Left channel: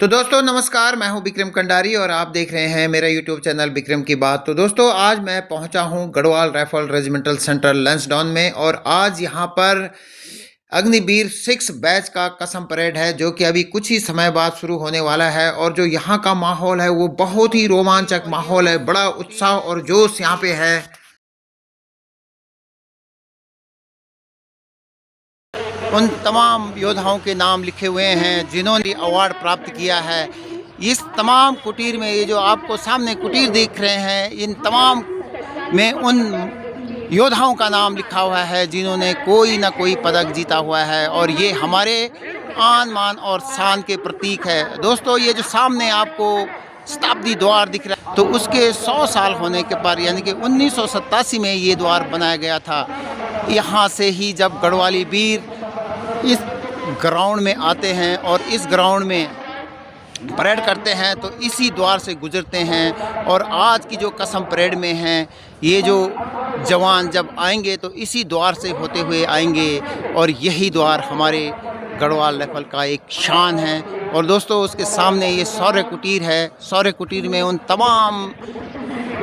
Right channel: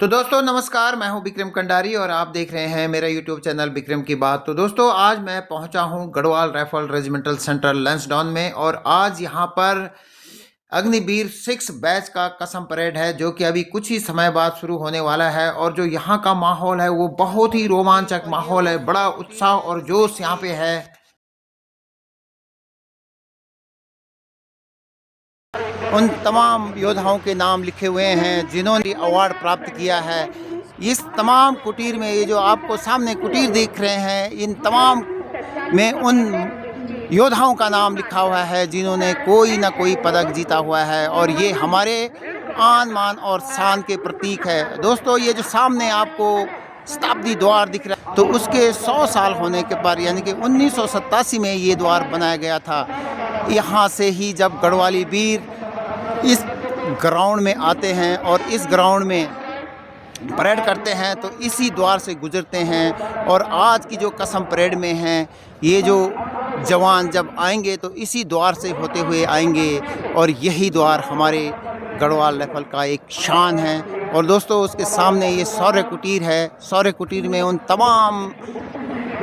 तो दोस्तों नमस्कार, मैं हूं विक्रम कंडारी और आप देख रहे हैं मेरा यूट्यूब चैनल विक्रम की बात। तो दोस्तों आज मैं पहुंचा हूं Garhwal rifle regimental centre Lansdowne में और आज यहां पर अग्निवीर 6 बैच का कसम परेड है जो कि अभी कुछ ही समय बाद शुरू होने वाला है। और जो यहाँ का माहौल है वो बहुत ही रोमांचक माहौल है, बड़ा उत्साह और जोश यहाँ पे है। उन तमाम योद्धाओं के नाम लिखे हुए हैं जिन्होंने अवार्ड प्राप्त किया है। इस तमाम कुटीर में, ये जो आपको सामने कुटीर देख रहे हैं, इन तमाम में उन योद्धाओं का नाम लिखा हुआ है जिन्होंने कोई ना कोई पदक जीता हुआ है और ये हमारे आन मान और शान के प्रतीक है। दोस्तों ये जो सामने आपको शताब्दी द्वार दिख रहा है, तो उसके 100 साल होने के बाद यानी कि 1987 में ये द्वार बनाया गया था। यहाँ से ही जब गढ़वाली वीर इस ग्राउंड में आते हैं और इस ग्राउंड में परेड करते हैं तो इसी द्वार से गुजरते हैं। और आज की जो कसम परेड में हैं, ये जो जवान जब आएंगे तो इसी द्वार से होते हुए आएंगे और यही द्वार हमारे गढ़वाल राइफल का एक शान है। और दोस्तों उसके सामने ये शौर्य कुटीर है। शौर्य कुटीर में उन तमाम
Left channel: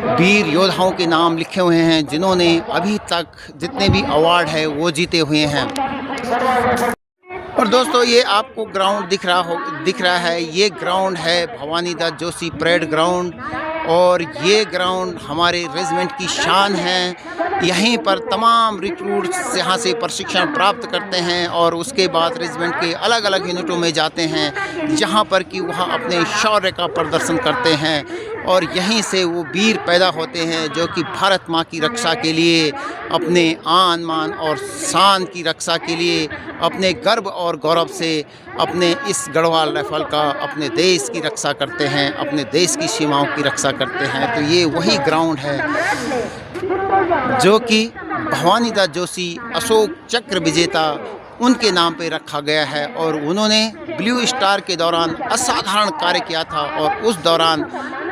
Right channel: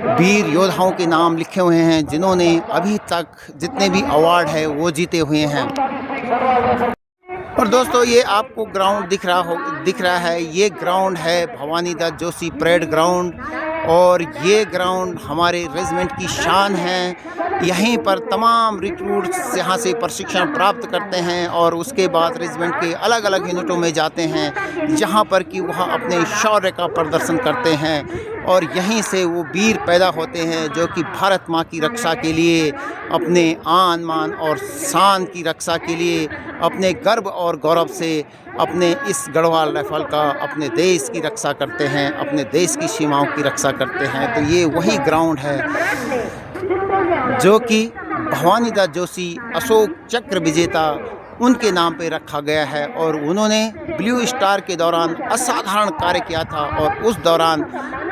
वीर योद्धाओं के नाम लिखे हुए हैं जिन्होंने अभी तक जितने भी अवार्ड है वो जीते हुए हैं। और दोस्तों ये आपको ग्राउंड दिख रहा है, ये ग्राउंड है भवानी दास जोशी परेड ग्राउंड और ये ग्राउंड हमारे रेजिमेंट की शान है। यहीं पर तमाम रिक्रूट्स यहाँ से प्रशिक्षण प्राप्त करते हैं और उसके बाद रेजिमेंट के अलग अलग यूनिटों में जाते हैं जहाँ पर कि वहाँ अपने शौर्य का प्रदर्शन करते हैं। और यहीं से वो वीर पैदा होते हैं जो कि भारत माँ की रक्षा के लिए, अपने आन मान और शान की रक्षा के लिए, अपने गर्व और गौरव से अपने इस गढ़वाल राइफल का, अपने देश की रक्षा करते हैं, अपने देश की सीमाओं की रक्षा करते हैं। तो ये वही ग्राउंड है जो कि भवानी दास जोशी अशोक चक्र विजेता उनके नाम पे रखा गया है। और उन्होंने ब्लू स्टार के दौरान असाधारण कार्य किया था और उस दौरान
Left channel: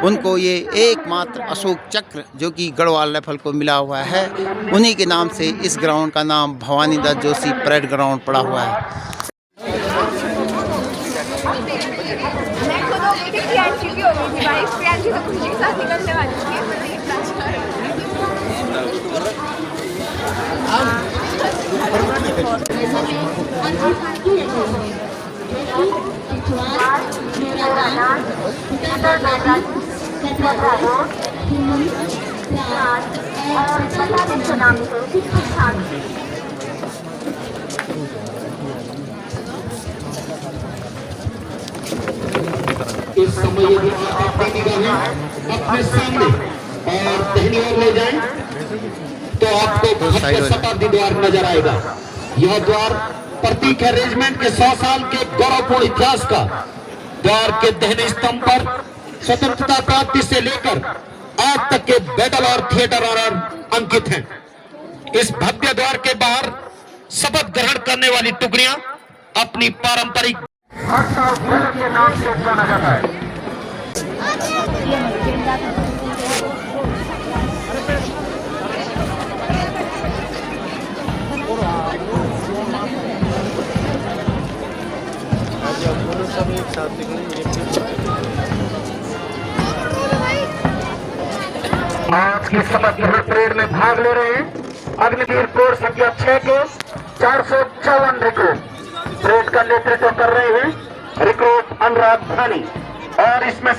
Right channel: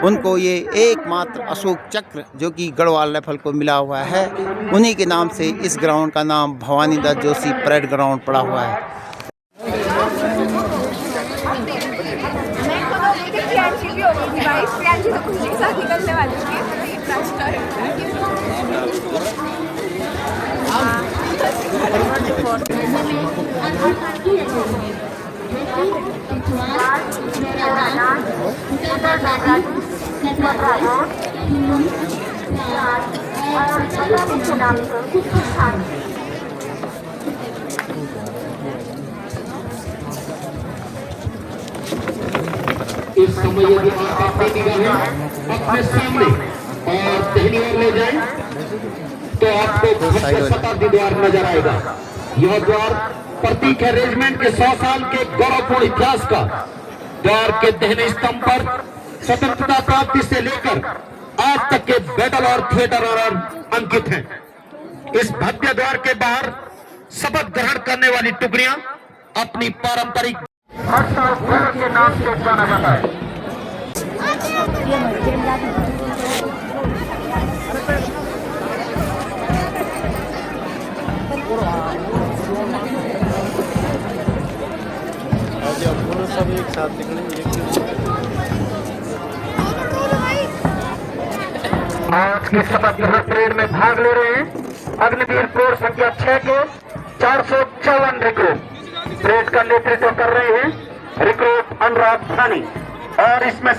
उनको ये एकमात्र अशोक चक्र जो कि गढ़वाल राइफल को मिला हुआ है, उन्हीं के नाम से इस ग्राउंड का नाम भवानी दास जोशी परेड ग्राउंड पड़ा हुआ है। इस समय यदि आप अपनी निगाहें अपने सामने और दाहिनी ओर ले जाएं तो आपको शताब्दी द्वार नजर आएगा। यह द्वार प्रतीक है रेजिमेंट के 100 साल के गौरवपूर्ण इतिहास का। द्वार के दाहिने स्तंभ पर स्वतंत्रता प्राप्ति से लेकर आज तक के बैटल और थिएटर और अंकित हैं। इस भव्य द्वार के बाहर शपथ ग्रहण करने वाली टुकड़ियां अपनी पारंपरिक के नाम से जाना जाता है। आज की शपथ ग्रहण परेड में भाग ले रहे हैं अग्निवीर कोर संख्या 6 के 454 रिक्रूट। परेड का नेतृत्व कर रहे हैं रिक्रूट अनुराग भानी और इसमें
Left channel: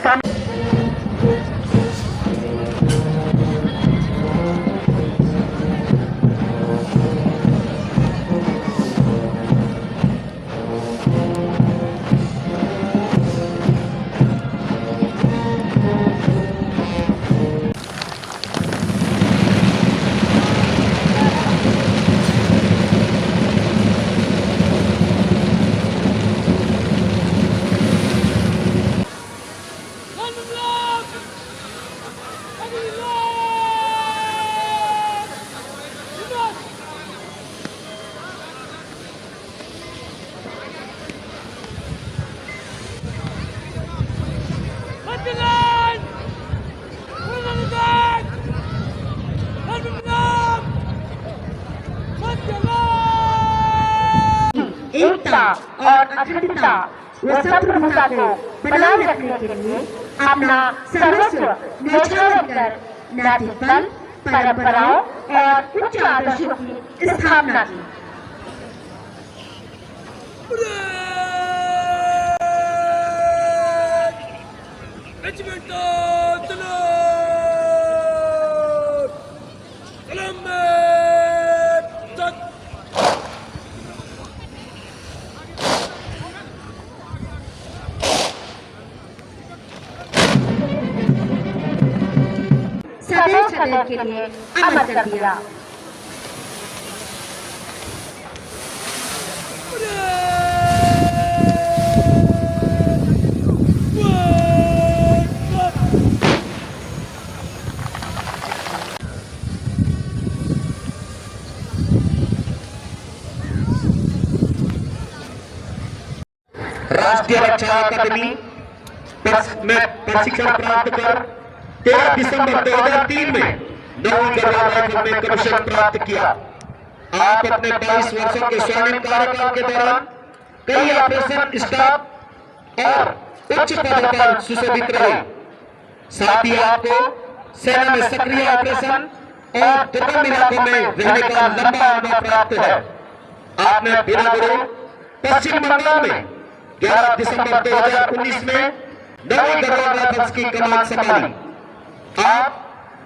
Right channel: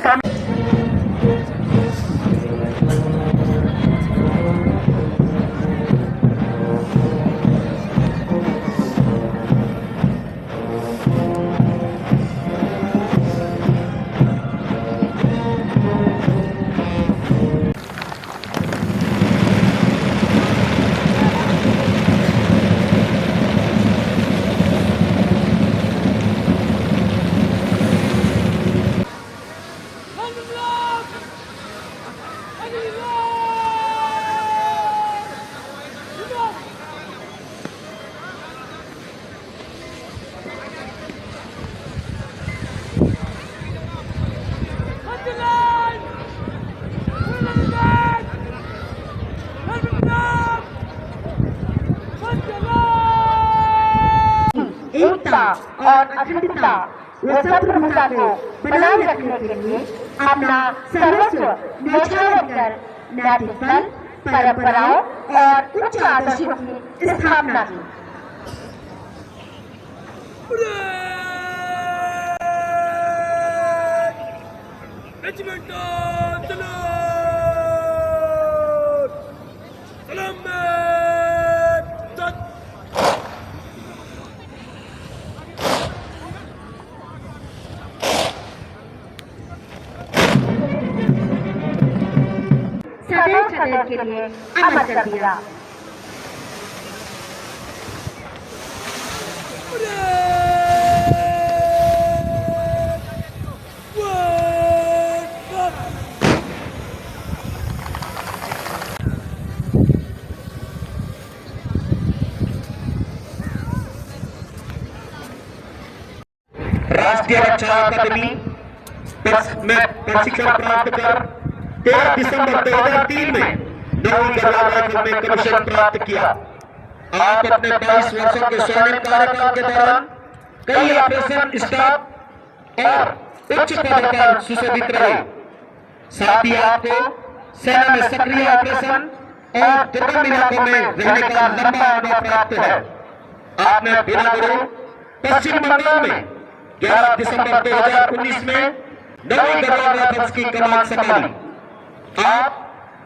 एकता और अखंडता व संप्रभुता को बनाए रखने के लिए अपना सर्वस्व न्यौछावर कर नैतिक बल, परंपराओं और उच्च आदर्शों की स्थापना की। सदैव सदैव के लिए अमर कर दिया। राष्ट्रीय रक्षा अकादमी में प्रशिक्षण प्राप्त कर 13 दिसंबर 2003 में 9वीं गढ़वाल राइफल में कमीशन प्राप्त किया। आप अपने 22 वर्षों के स्वर्णिम कार्यकाल के दौरान कई ऑपरेशन स्टाफ और उच्च पदों पर सुशोभित रहे। साथ ही आपको सेना में सक्रिय ऑपरेशन और दुर्गम इलाकों में रहने का लंबा अनुभव प्राप्त है। आपने बिना गुरु पश्चिम बंगाल में 11 दिसंबर 2019 में 9वीं गढ़वाल राइफल्स की कमान संभाली। आप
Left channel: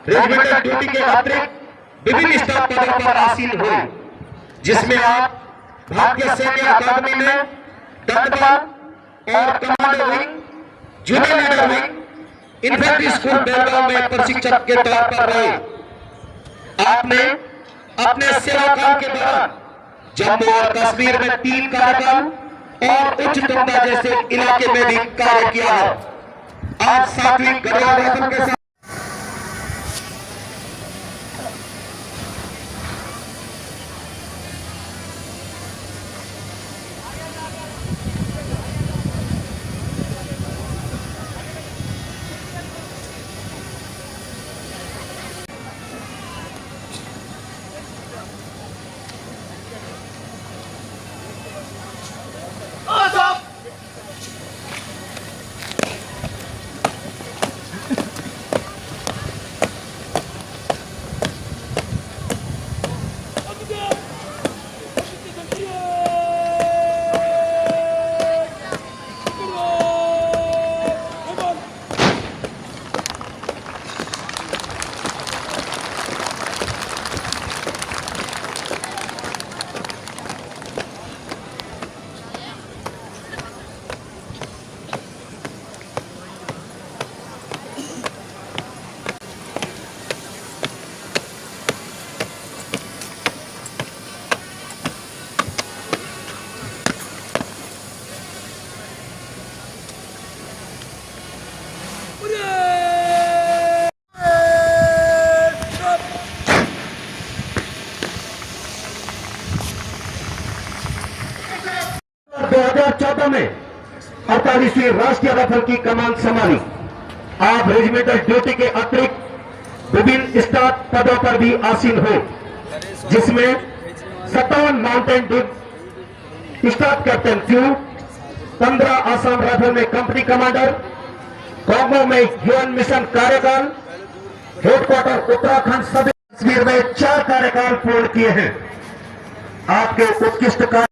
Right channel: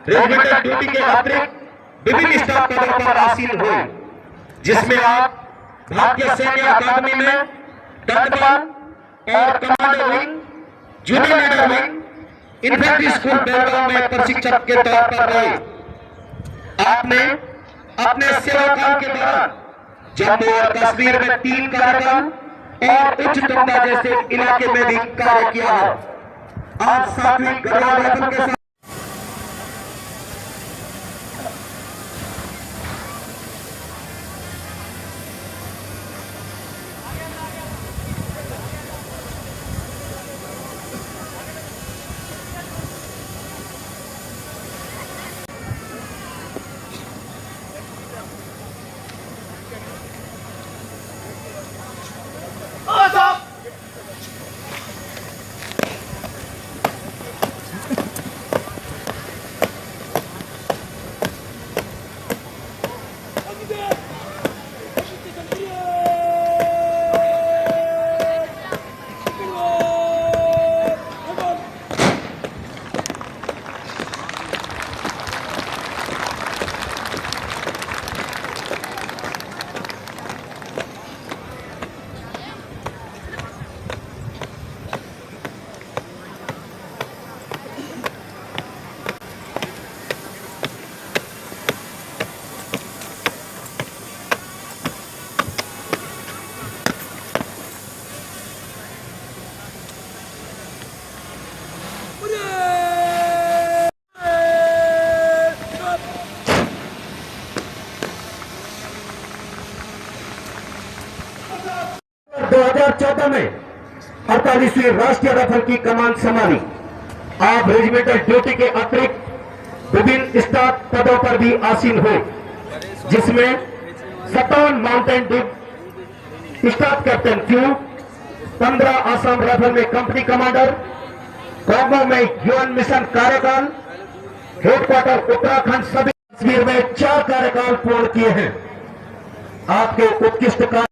रेजिमेंटल ड्यूटी के अतिरिक्त विभिन्न स्टाफ पदों पर आसीन हुए, जिसमें आप भारतीय सैन्य अकादमी में दंडबान और commando wing, junior leader wing, infantry school Belgaum में प्रशिक्षक के तौर पर रहे। आपने अपने सेवा काल के दौरान जम्मू और कश्मीर में 3 कार्यकाल और उच्च टुकड़ा जैसे इलाके में भी कार्य किया है। आप साथ ही गढ़वाल राइफल के साथ में 48वीं राष्ट्रीय राइफल की कमान संभाली। आप रेजिमेंटल ड्यूटी के अतिरिक्त विभिन्न स्टाफ पदों पर भी आसीन हो, जिसमें 57 Mountain Dew staff captain Q, 15 Assam rifle में कंपनी कमांडर, कांगो में यूएन मिशन कार्यकाल, हेडक्वार्टर उत्तराखंड, सभी कश्मीर में 4 कार्यकाल पूर्ण किए हैं। आपके उत्कृष्ट कार्य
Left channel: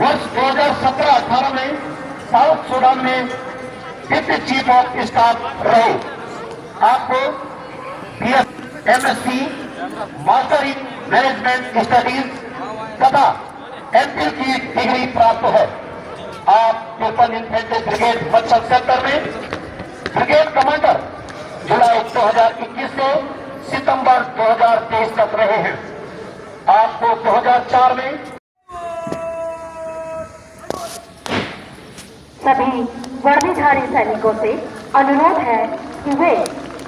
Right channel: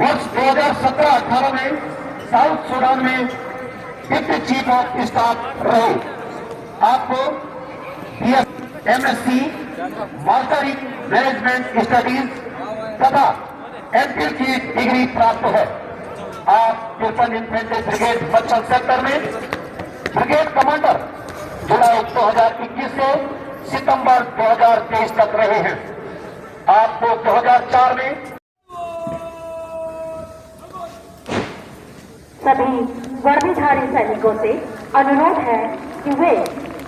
वर्ष 2017-18 में साउथ सूडान में डिप्टी चीफ ऑफ स्टाफ रहे। आपको MSc, master in management studies तथा एमपी की डिग्री प्राप्त है। आप triple infantry brigade Bachchan sector में ब्रिगेड कमांडर जुलाई 2021 से सितंबर 2023 तक रहे हैं। आपको 2004 में सभी वर्दीधारी सैनिकों से अनुरोध है कि वे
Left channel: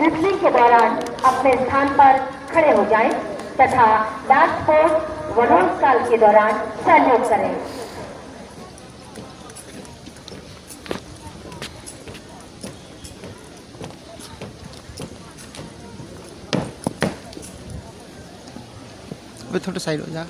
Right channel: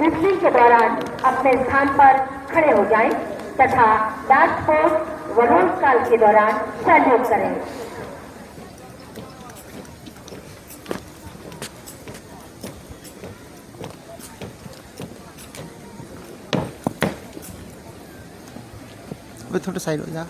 रिसलिंग के दौरान अपने स्थान पर खड़े हो जाएं तथा लास्ट पोस्ट व रोल कॉल के दौरान सैल्यूट करें। वे थोड़ा साइड हो जा।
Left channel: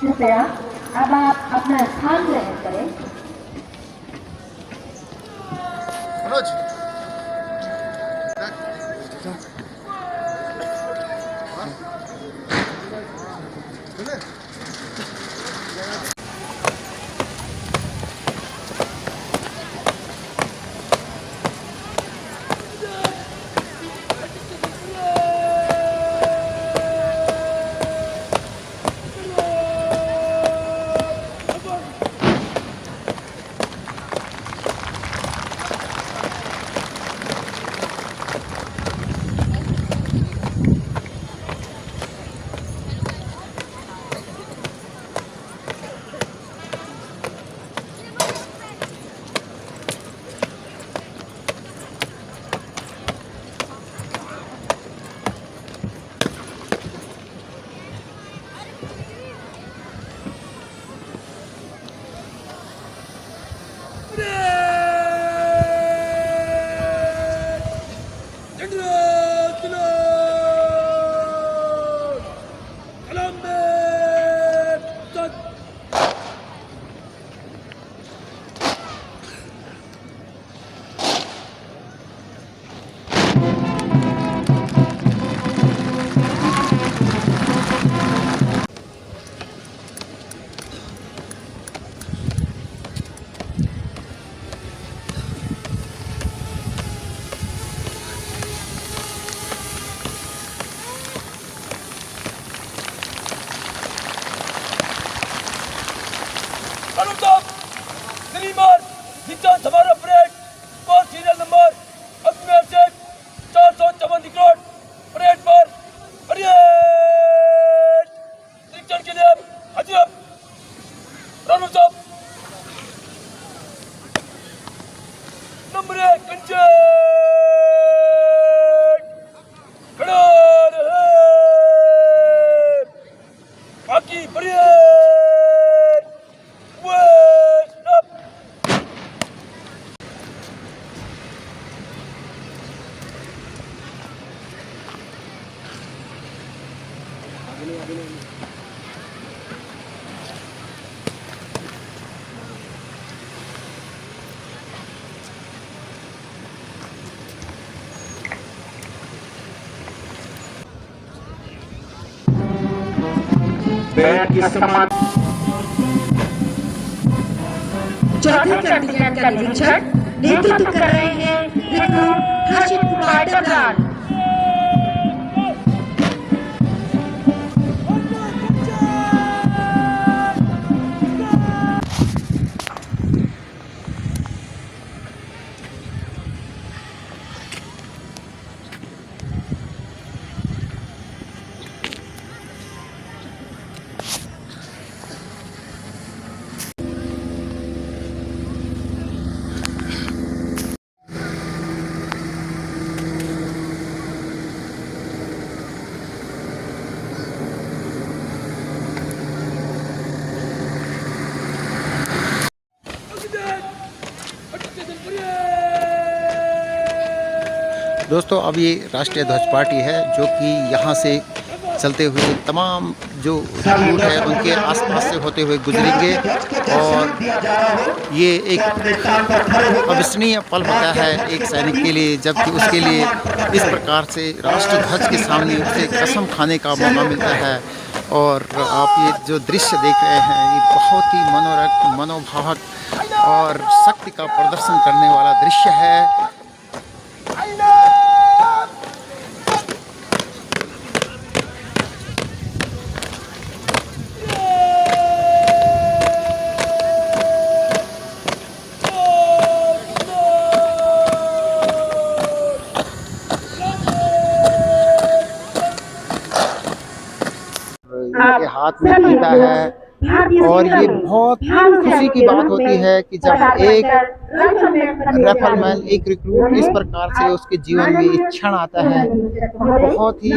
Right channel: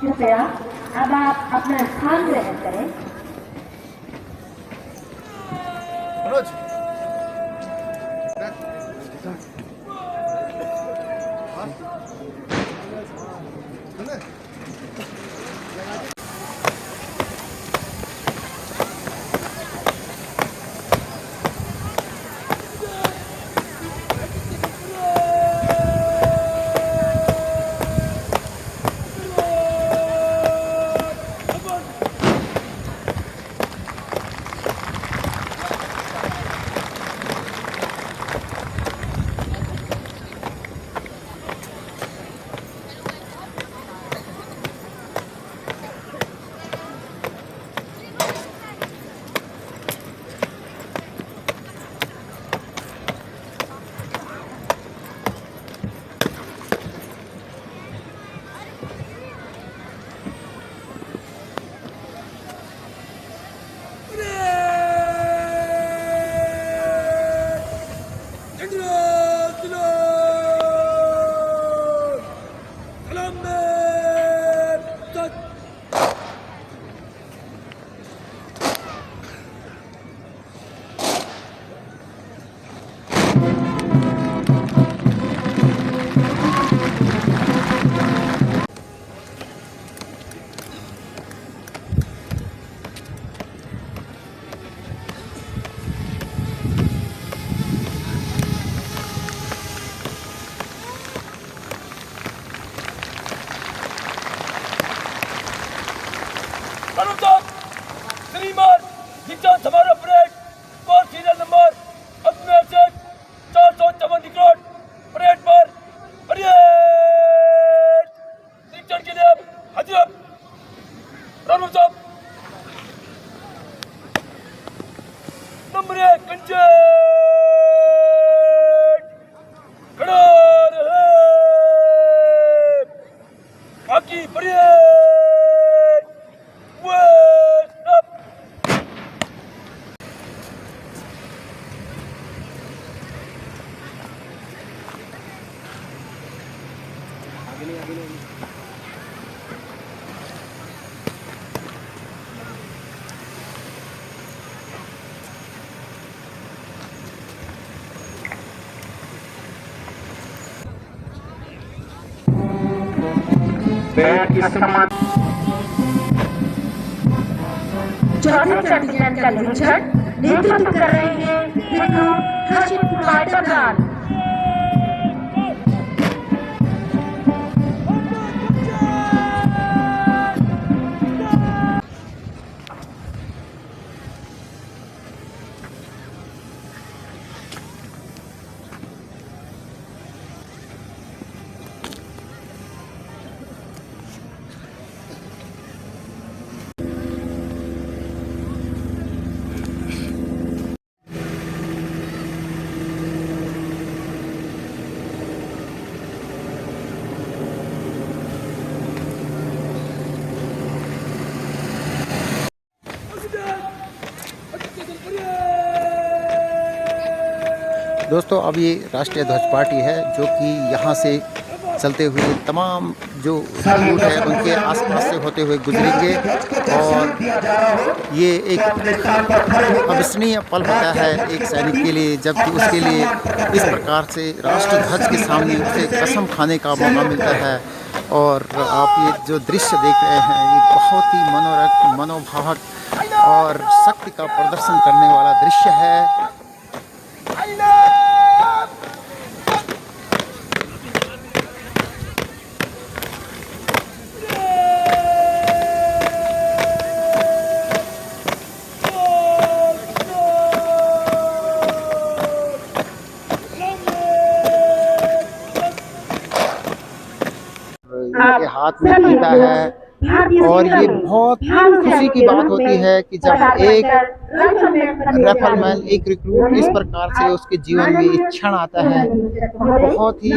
कृपया अब आप अपना स्थान ग्रहण करें। कर्नल साहब श्रीमान दीक्षांत समारोह parade core serial number Ajmer से 454 रिकॉर्ड परेड पर परेड निरीक्षण के लिए हाजिर अब कर्नल साहब नंबर 1 कंचे खड़ा रहे बाकी परेड वेस्ट अप बैठ के समाज चौथे कंटिजेंट का निरीक्षण नेतृत्व कर रहे हैं रिक्रूट हर्षित कुमार डबराल। दोस्तों अब ये राष्ट्रीय ध्वज पार्टी है जो कि यहाँ से चलते हुए तमाम जो रूट है उनके आसपास से होते हुए गुजरेंगे और ये एक अविस्मरणीय पल होता है एक सैनिक के लिए जबकि उसके लिए इस प्रकार से राष्ट्र ध्वज के सामने उसे कसम खाने का मौका मिलता है। और आप ये जो दृश्य देख रहे हैं ये बहुत ही मनोरक मनोभावक और शक्ति का प्रदर्शन करने वाला दृश्य है। के हाथ में पीता है और ये बहुत खुशी की बात होती है कि जब एक राइफलमैन एक रिक्रूट इस प्रकार से उसके जीवन में एक क्षण आता है बहुत ही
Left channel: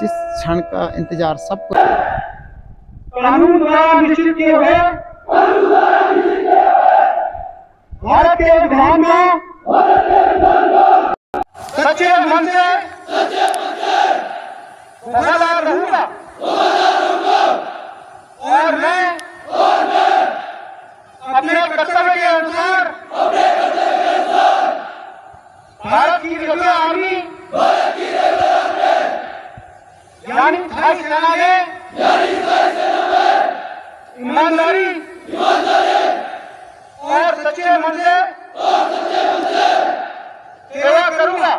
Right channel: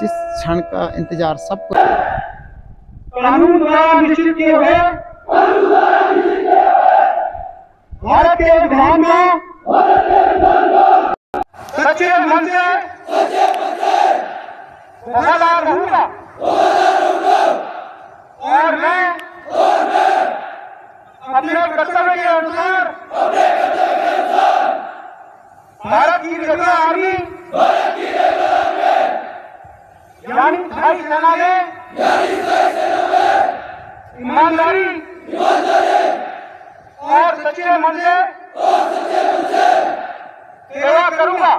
जिस क्षण का इंतजार सबको कानून द्वारा निश्चित किए हुए भारत के विधान में सच्चे मन से वफादार रहूंगा और मैं अपने कर्तव्य के अनुसार भारत की रेलवे आर्मी यानी थाई सेना में ईमानदारी और सच्चे मन से सेवा करूंगा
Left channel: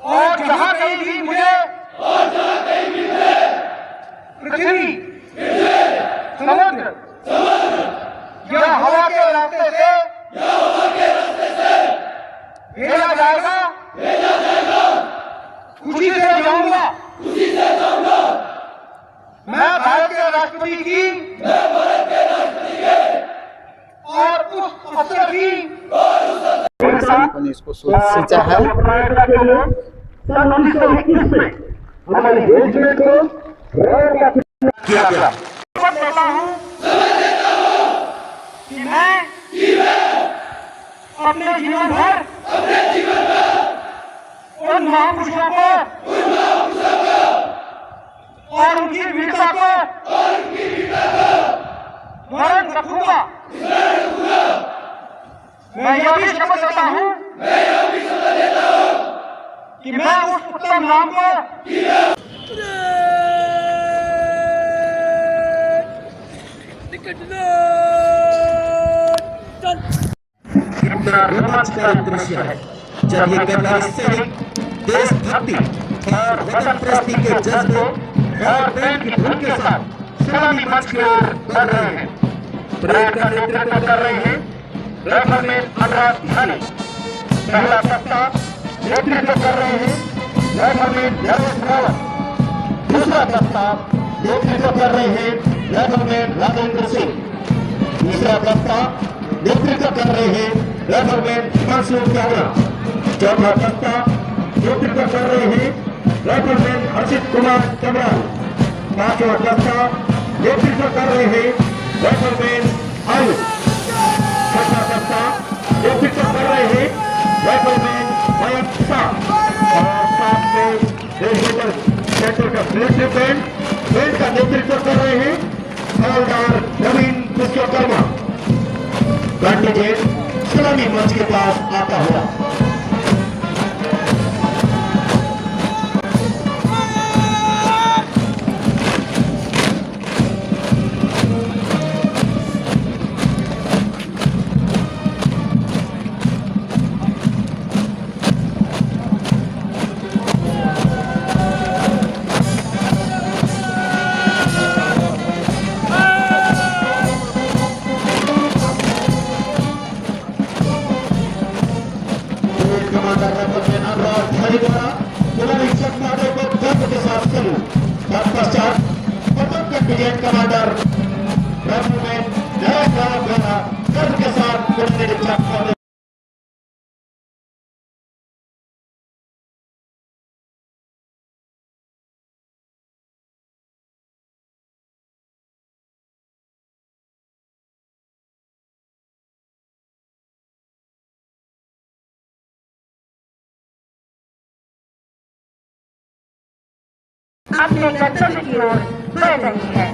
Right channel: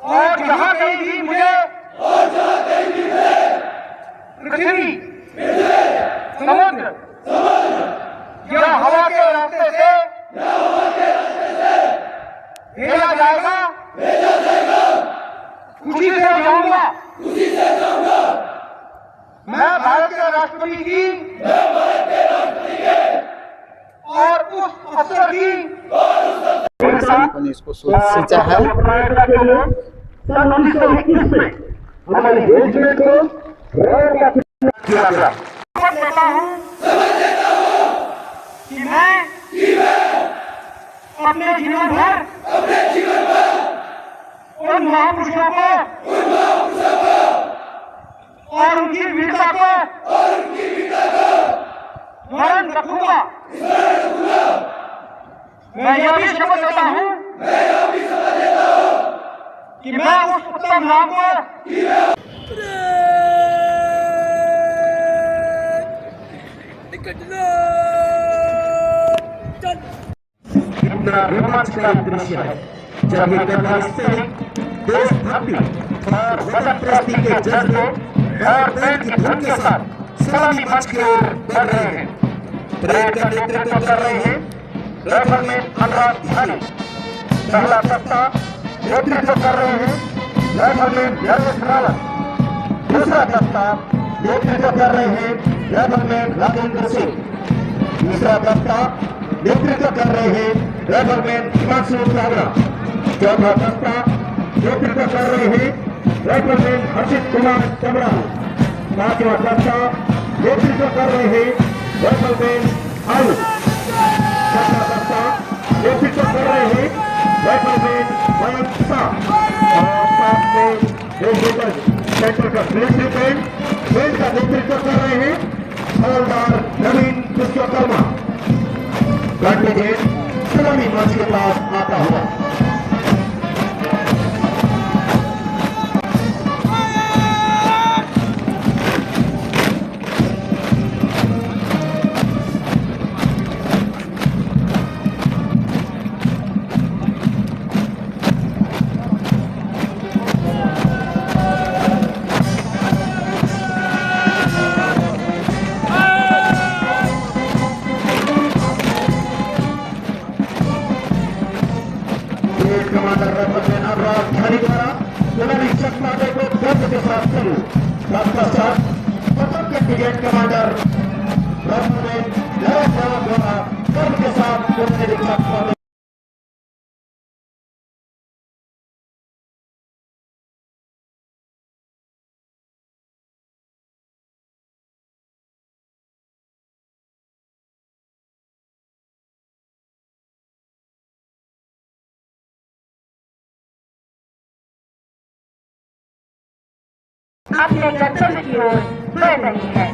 और जहाँ कहीं भी मुझे पृथ्वी समुद्र या हवा के रास्ते से भेजा जाएगा खुशी से जाऊंगा। मैं भारत के राष्ट्रपति की और उस अवसर की सैनिकों ने इसको सोचा है। सन 1921 में हमारे देश में को किया गया कि मैं अपने जीवन भर उन महापुरुषों को और उनकी वीरता को स्मरण रखूंगा। मैं यह भी शपथ लेता हूँ कि मैं उस उत्तम नाम को रोमांचकारी दृश्य है जब ये गद्दार सैनिक देशभक्ति और वतन प्रस्ती के जज्बे और बैंड की धुन के साथ सलामी मंच की ओर बढ़ रहे हैं। परेड का नेतृत्व कर रहे हैं राइफलमैन अनुराग धारी। पहला दस्ता नेतृत्व कर रहे हैं राइफलमैन नरेश रावत। दूसरा दस्ता नेतृत्व कर रहे हैं राइफलमैन राजेंद्र सिंह। तीसरा दस्ता नेतृत्व कर रहे हैं राइफलमैन हिमांशु चावला। चौथा दस्ता नेतृत्व कर रहे हैं राइफलमैन हर्षित कुमार चमरानी। पांचवा दस्ता नेतृत्व कर रहे हैं राइफलमैन आलू। छठा दस्ता नेतृत्व कर रहे हैं राइफलमैन मयंक शाह। और साथ में सेंटर का बैंड का नेतृत्व कर रहे हैं हवलदार नवीन विश्वकर्मा। सलामी मंच के पास आता हुआ कमांडर राइफलमैन अनुराग धारी द्वारा सलामी सत्तादे को गर्व के साथ शुरू। तत्पश्चात पटक के brigade commander rifleman Naresh Rawat द्वारा गर्व के साथ निरीक्षण। अपने गंतव्य की ओर बढ़ रही है।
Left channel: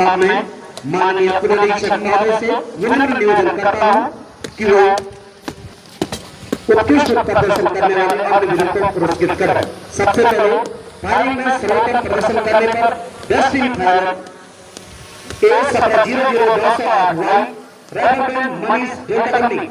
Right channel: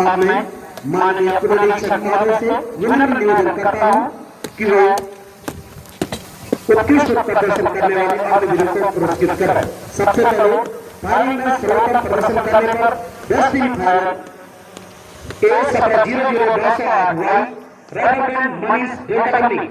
अब मैं माननीय पुरनिरीक्षक महोदय से विनम्र निवेदन करता हूं कि वो उत्कृष्ट प्रदर्शन करने वाले आदिवासियों को पुरस्कृत करें। सबसे पहले फायरिंग में सर्वोत्तम प्रदर्शन करने पर 10 team fire A1700 rifleman Manish डेल्टाकंडी।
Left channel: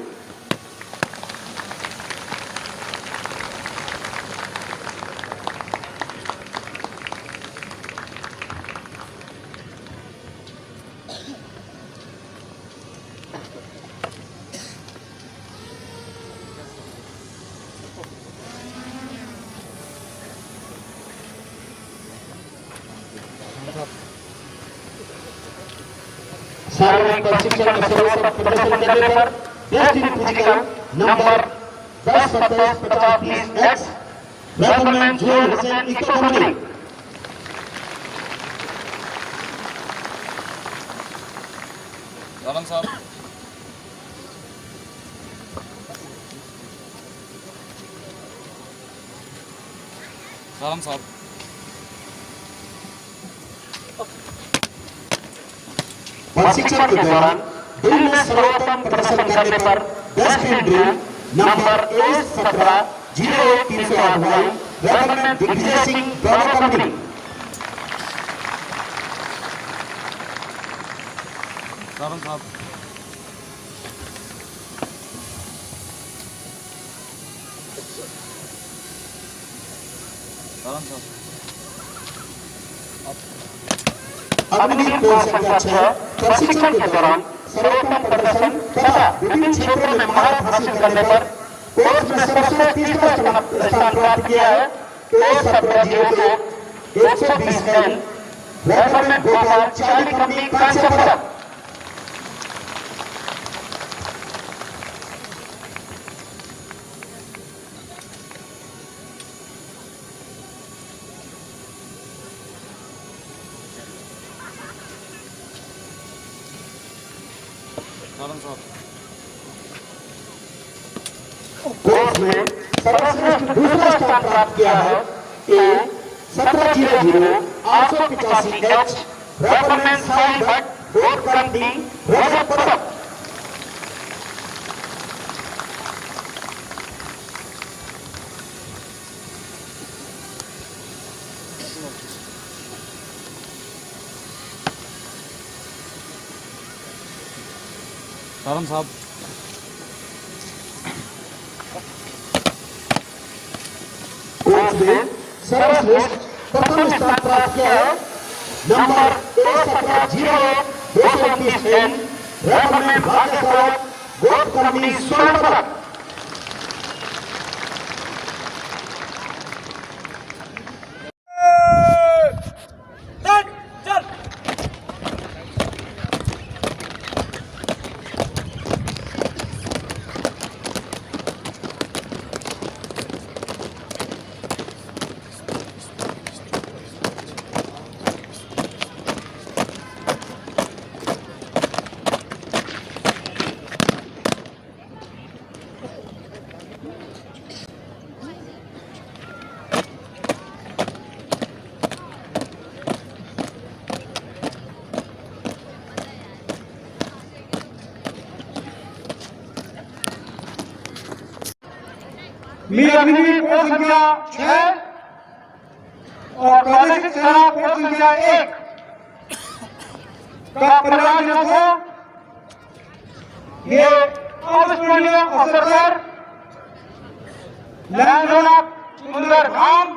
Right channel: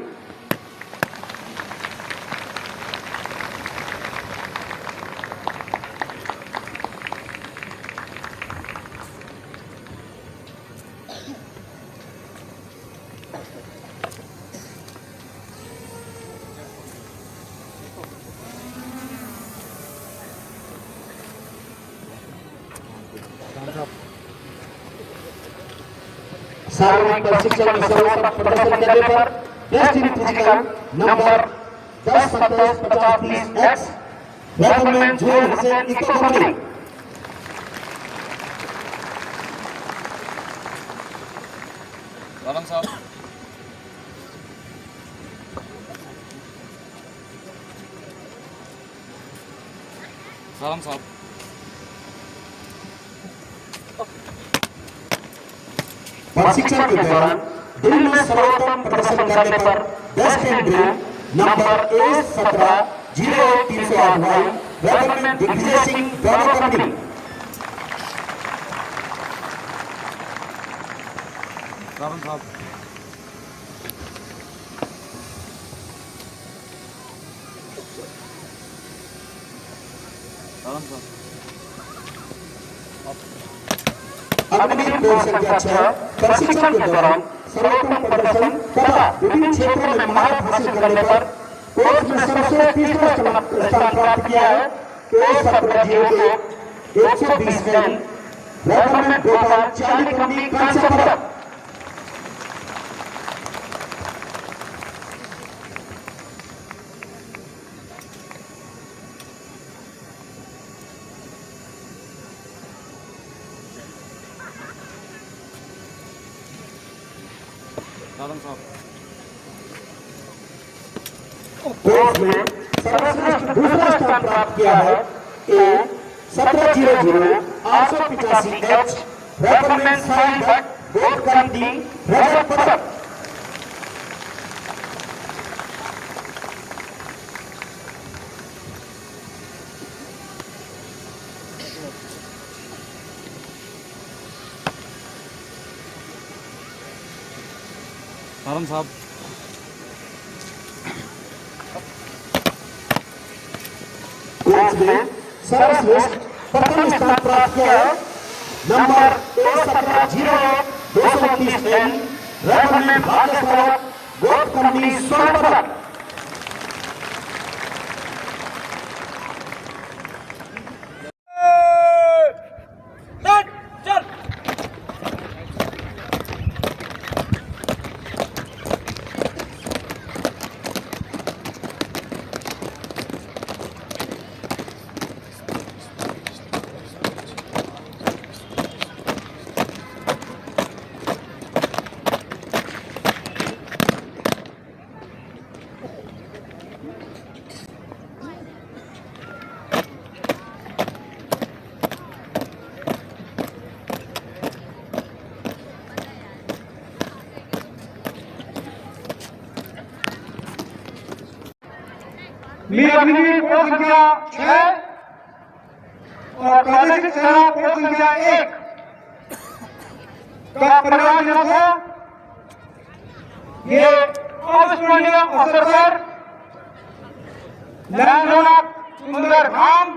शारीरिक प्रशिक्षण में सर्वोत्तम प्रदर्शन करने पर destiny physical number 10-27-50-30X rifleman Joel Hussain echo company. प्रशिक्षण के दौरान ड्रिल में सर्वोत्तम प्रदर्शन करने पर 10 team drill number A17-01308 rifleman Digvijay Singh दोनों कंपनी। अग्निवीर कोर संख्या 6 प्रशिक्षण के दौरान सर्वोत्तम प्रदर्शन तथा विभिन्न क्षेत्रों में महारत हासिल करने पर कोर्स में सर्वश्रेष्ठ तीसरा स्थान प्राप्त किया है। केस 1702 120 रन रेफरमेंट भोपाल 40 कंपनी कांस्य पदक। कोर्स में सर्वश्रेष्ठ दूसरा स्थान प्राप्त किया है ए 1700 885 एच रेफरमेंट साइन भट्ट बोर्ड कंपनी रजत पदक। कोर्स में सर्वश्रेष्ठ प्रथम स्थान प्राप्त किया है नंबर 1701 229 एन रेफरमेंट भाग्य स्वागत बोर्ड कंपनी स्वर्ण पदक। मेरी अग्निवीर कोर संख्या 6 और प्रादेशिक सेना कोर संख्या 1 का परिणाम दिया था। ये अविस्मरणीय अवसर पर लैंड सुंदर धाम,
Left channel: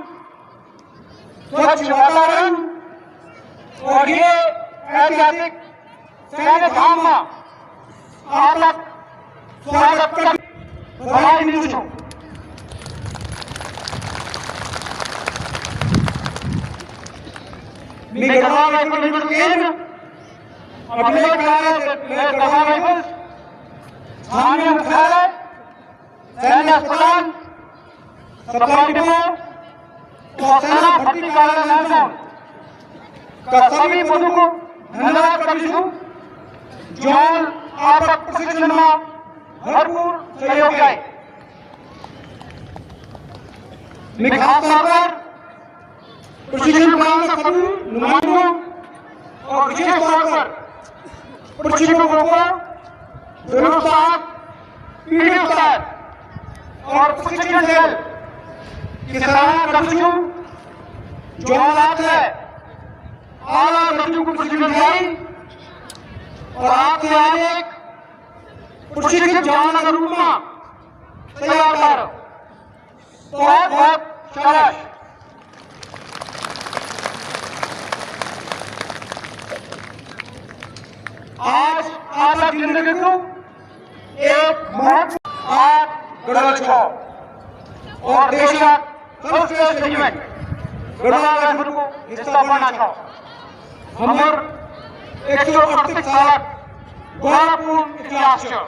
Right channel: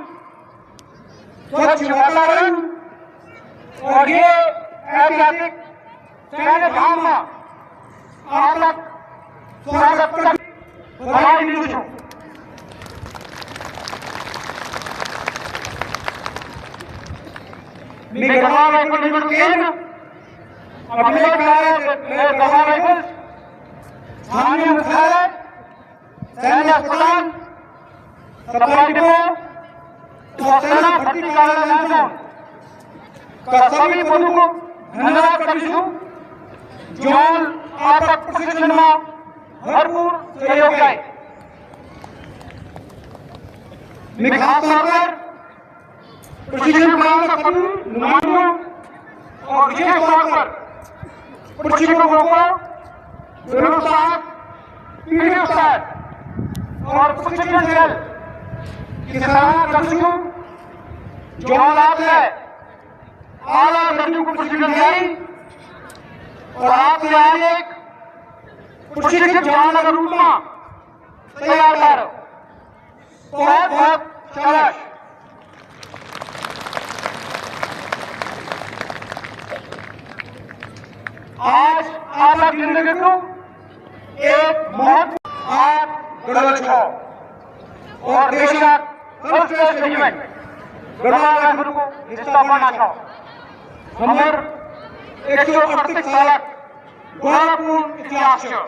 स्वच्छ वातावरण और ये ऐतिहासिक सैन्य धाम में आप लोग स्वागत कर बधाई देती हूँ। सैन्य अस्पताल सरकारी डिपो और सेना भर्ती कार्यालय का सभी पदों को धन्यवाद करती हूँ जो आपका प्रशिक्षण में भरपूर सहयोग है। खास तौर पर प्रशिक्षण प्रदान सभी नुमाइंदों और विशेष तौर पर प्रशिक्षकों को व्यवस्था पीढ़ी स्तर और प्रशिक्षण दल की सराहना करती हूँ जो आपने आला दर्जे को प्रशिक्षण दी और आपके आगे एक प्रशिक्षित जवान के रूप में तैयार कर बहुत बहुत शाबाश। आज आपका नेतृत्व एक महत्व आप गढ़वाल छो और देश का सर्वश्रेष्ठ रेजिमेंट गढ़वाल राजपुर को हिस्सा पाना छो हमारे 138 साल गौरवपूर्ण इतिहास है।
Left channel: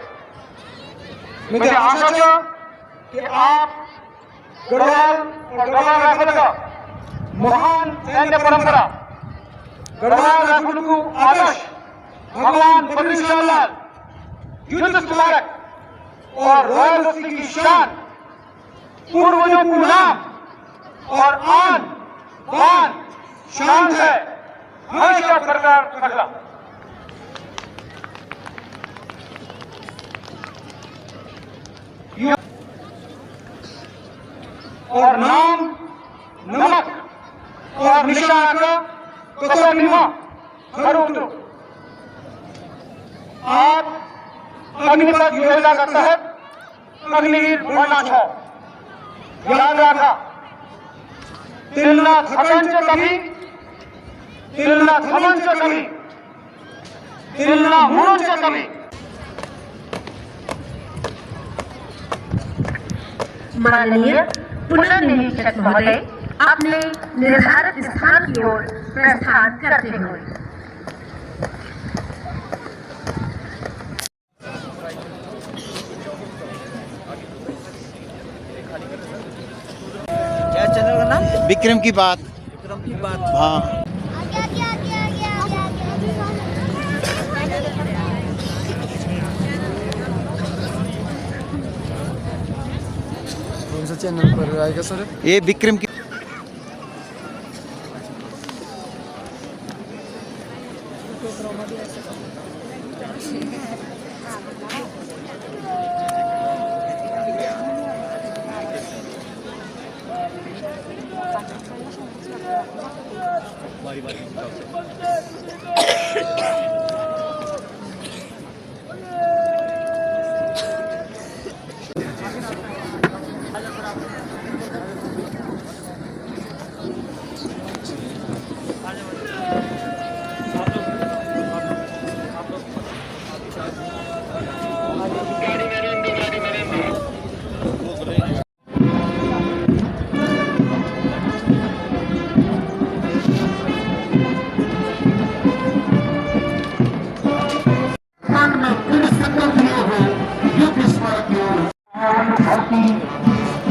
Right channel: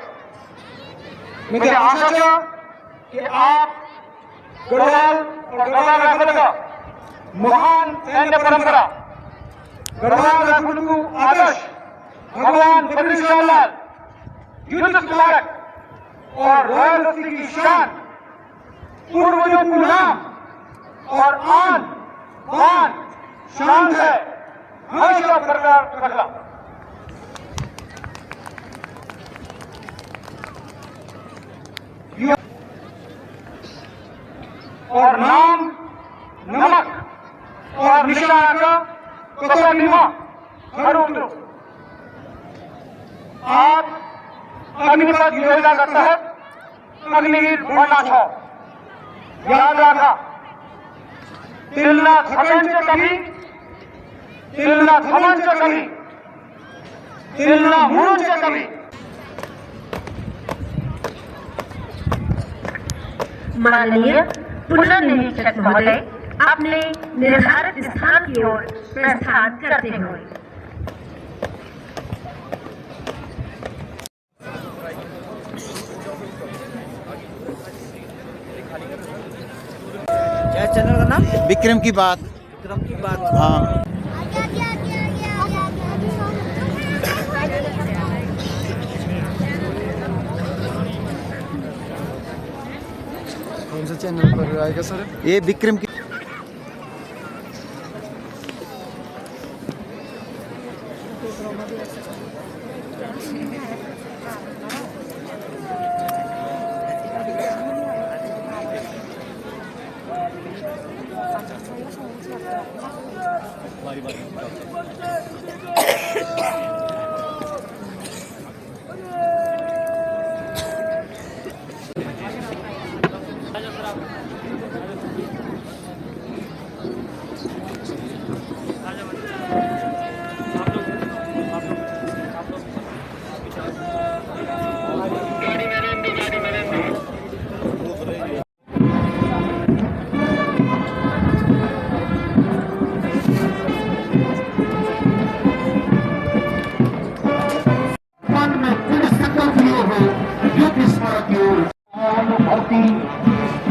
मुझे आशा है कि आप गढ़वाल और गढ़वाल राजपुर का महान सैन्य परंपरा गढ़वाल राजपुर को आदर्श भगवान बिरसालाल युद्ध स्मारक और रॉयल नर्सी की शान पूर्वजों को नाम और आन बान शान है हमेशा बरकरार रखना। और नाम नमक और निशान कसर बिना हर अग्निपथ योजना का तहत अग्निवीर बनना छ। याद राखा, तिलना थकन कभी, तिलना थमन कभी, तिलना मुन कभी। माननीय पुनर्निरीक्षक महोदय, अपने निर्धारित स्थान की ओर प्रस्थान करते हुए। चैनल का नाम विक्रम की बात। विक्रम की बात। हाँ, कौन सा चैनल पर आएगा सर? ये विक्रम की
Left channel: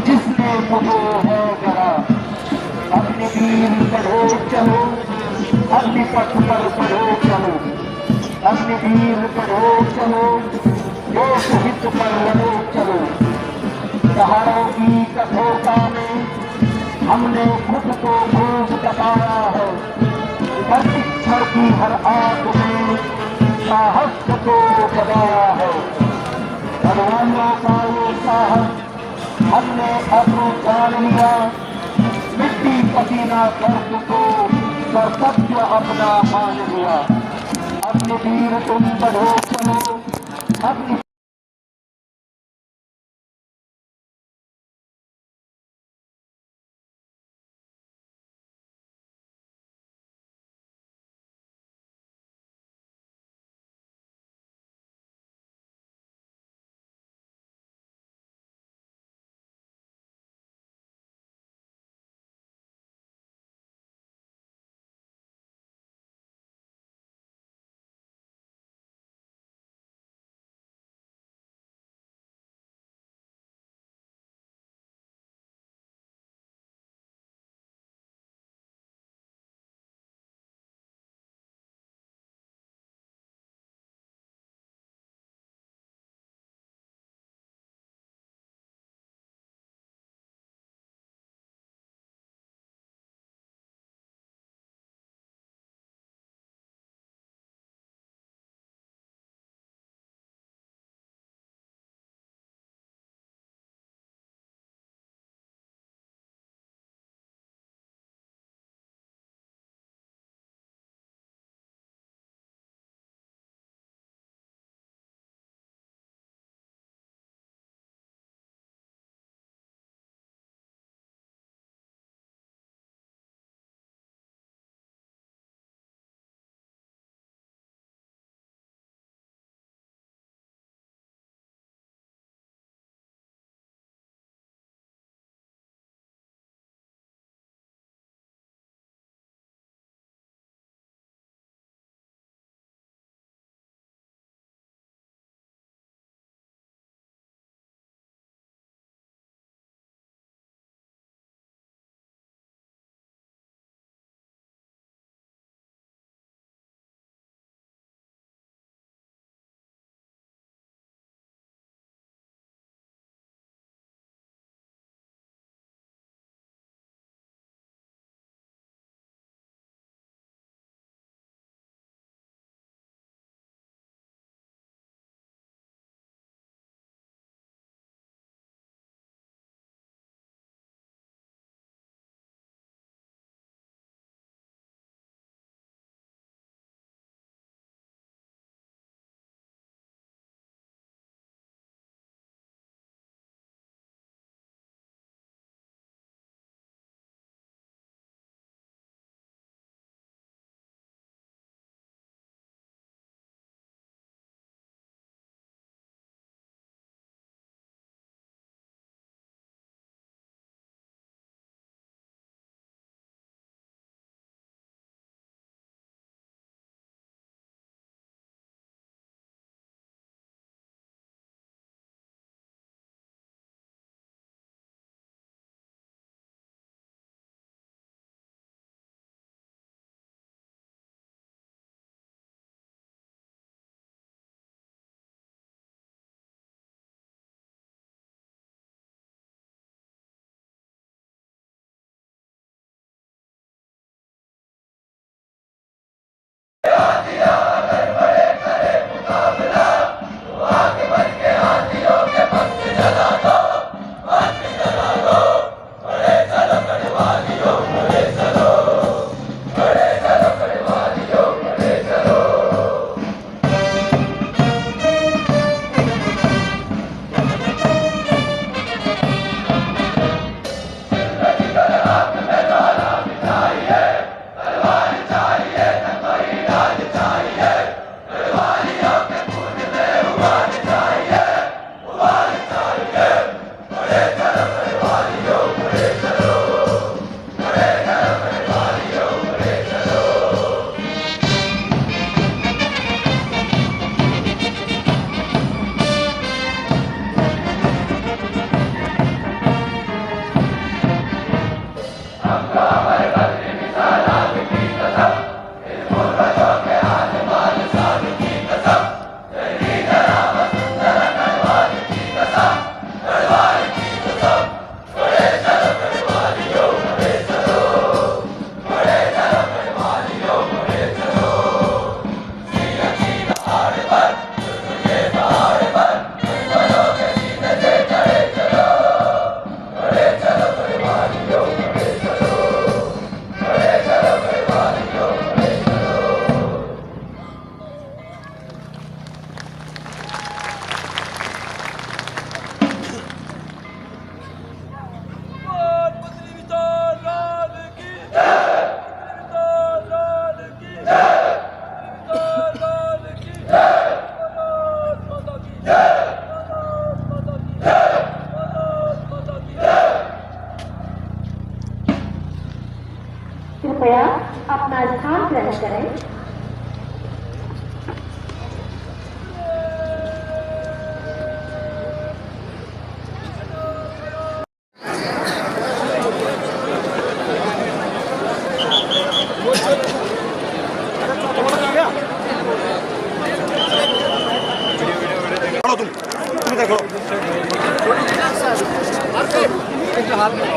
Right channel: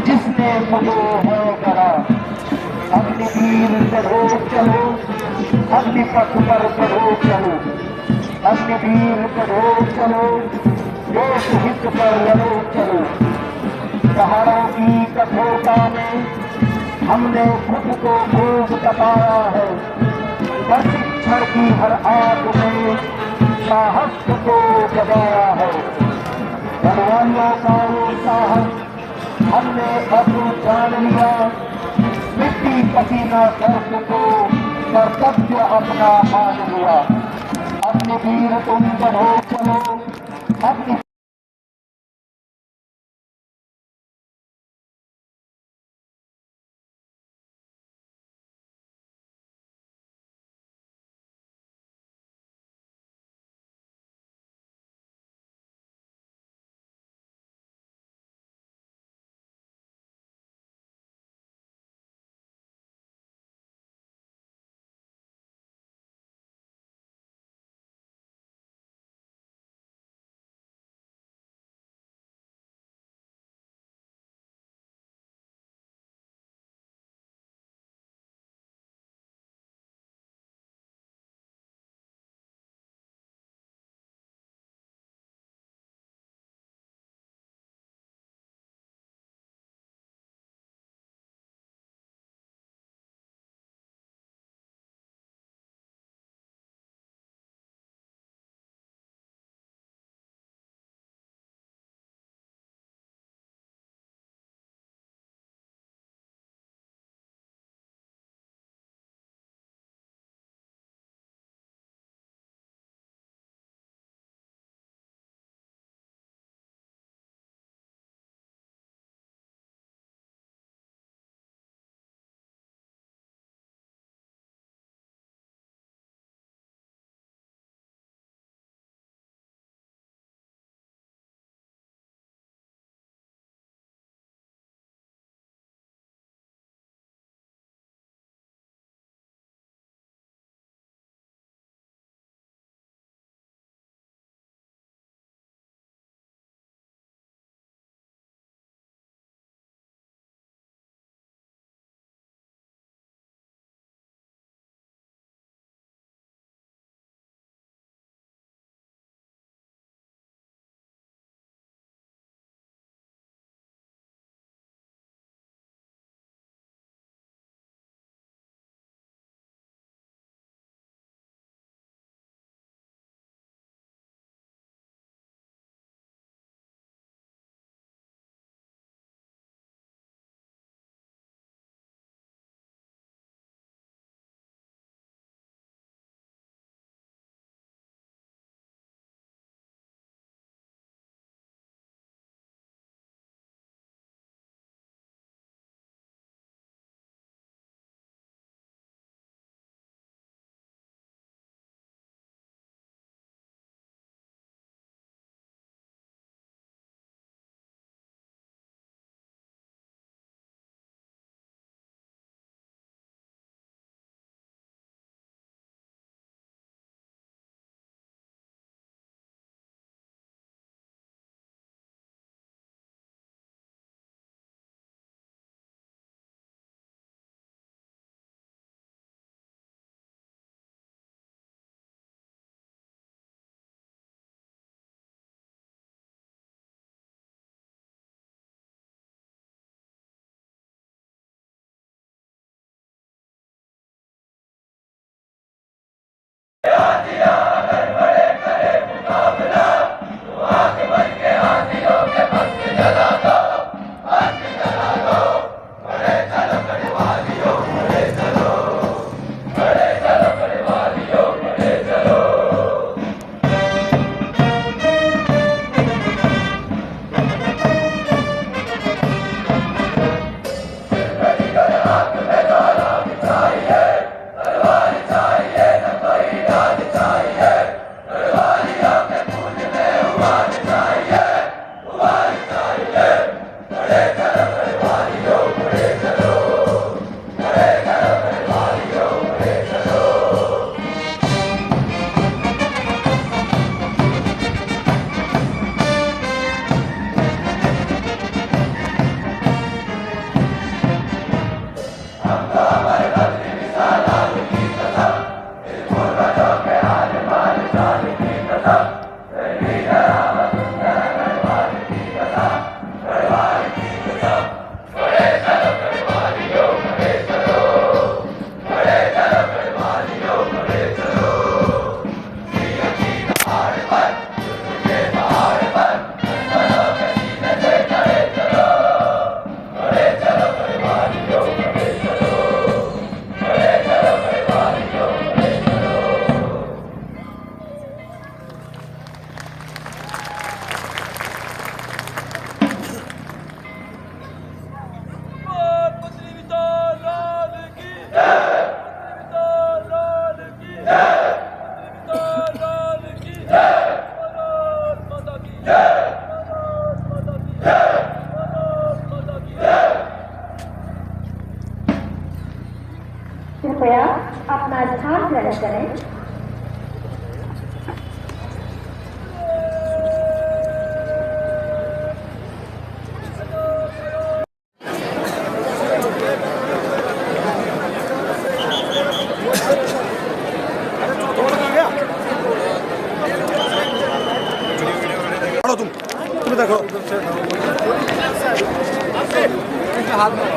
जिसने मुझे है करा, अपने तीर बढ़ो चलो, अपने पथ पर बढ़ो चलो, अपने तीर बढ़ो चलो, लोक हित पर लड़ो चलो। पहाड़ों की कठोरता में हमने खुद को खूब बताया है, परीक्षण की हर आग में साहस को बताया है। भगवानों का ये साहस हमने अब जान लिया, मिट्टी पसीना दर्द को कर्तव्य अपना मान लिया। अपने वीर तुम बढ़ो चलो, अपनी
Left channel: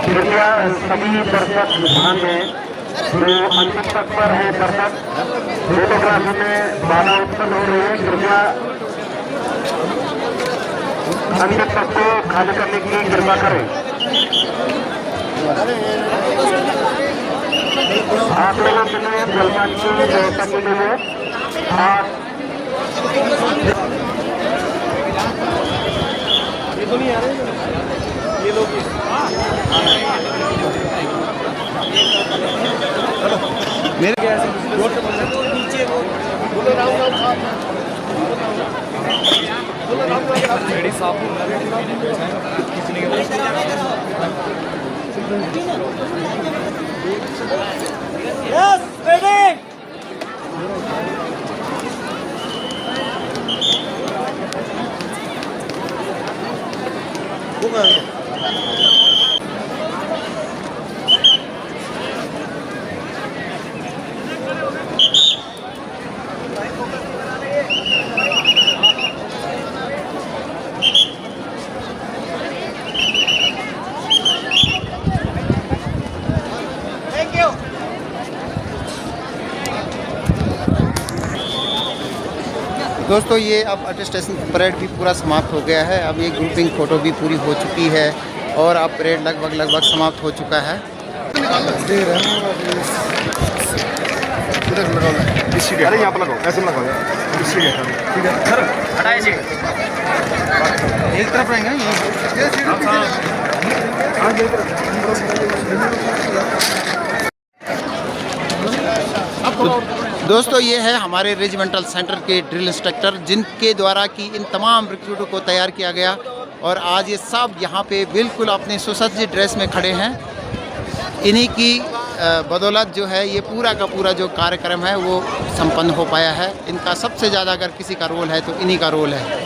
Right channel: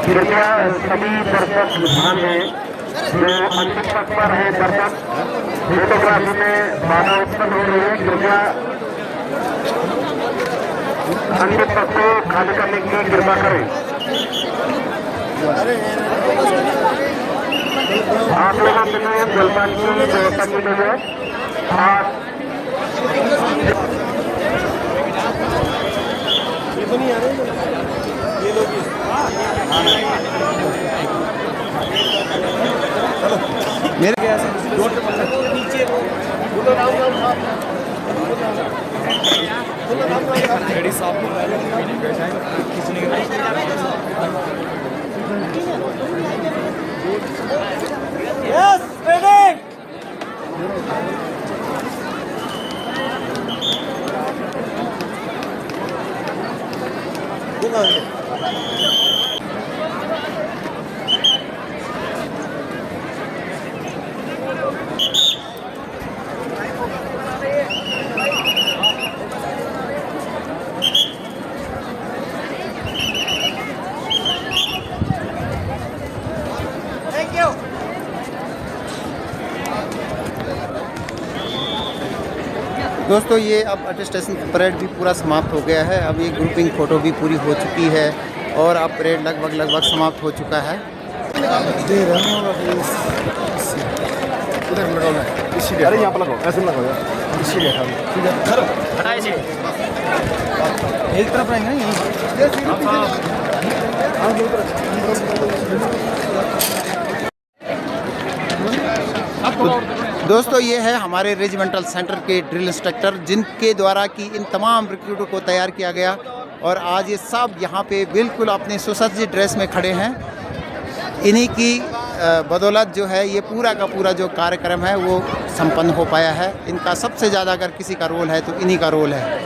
कृपया सभी दर्शक ध्यान दें, जो अंतिम तत्पर है दर्शक फोटोग्राफी में बाधा उत्पन्न हो रही है, कृपया अंतिम तत्व को खाली करने की कृपा करें। आप लोगों के लिए जलसा की व्यवस्था की गई है और ये तो नहीं आ रहे ये लोग मेरे जोर से बोलना बोलो राम राम साहब बोलो राम राम साहब रेडी साहब खींचने के बाद यस रेडी दोस्तों ये अब अटेस्टेशन परेड भी पूरा समाप्त हो गया है। अब ये ग्रुपिंग फ़ोटो भी पूरी हो चुकी है और अब परेड लगभग समाप्त हो चुका है। अरे यहाँ पर लगाओ, ऐसे लगाओ, एक तरफ रहेंगे दोस्तों ये है हमारे रेजिमेंटल सेंटर के ड्रिल इंस्ट्रक्टर, जिनके द्वारा कि इन तमाम रिक्रूटों को तैयार किया गया और आज ये सब यहाँ पे बिल्कुल अपने सुसज्जित ड्रेस में खड़े हैं। इन्हीं की बदौलत जो है ये पूरा का पूरा जो कार्यक्रम है वो संपन्न हो पाया है। इनका सबसे ज़्यादा अगर किसी का रोल है तो इन्हीं का रोल है।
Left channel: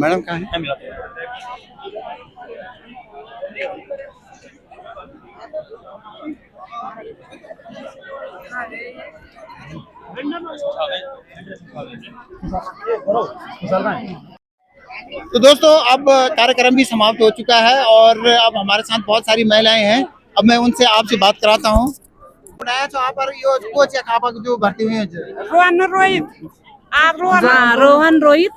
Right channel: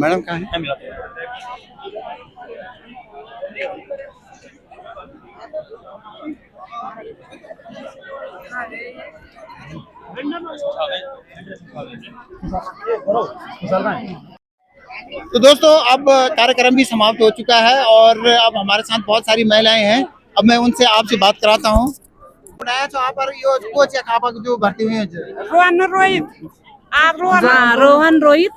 मैडम कहाँ है? तो दोस्तों अब कार्यक्रम भी समाप्त हो चुका है और अब हमारे साथ बहुत सारी महिलाएं हैं। अब मैं उनसे आपसे बात कराता हूँ। जो भर्ती हुई है रोहन रोहित रोहन रोहित।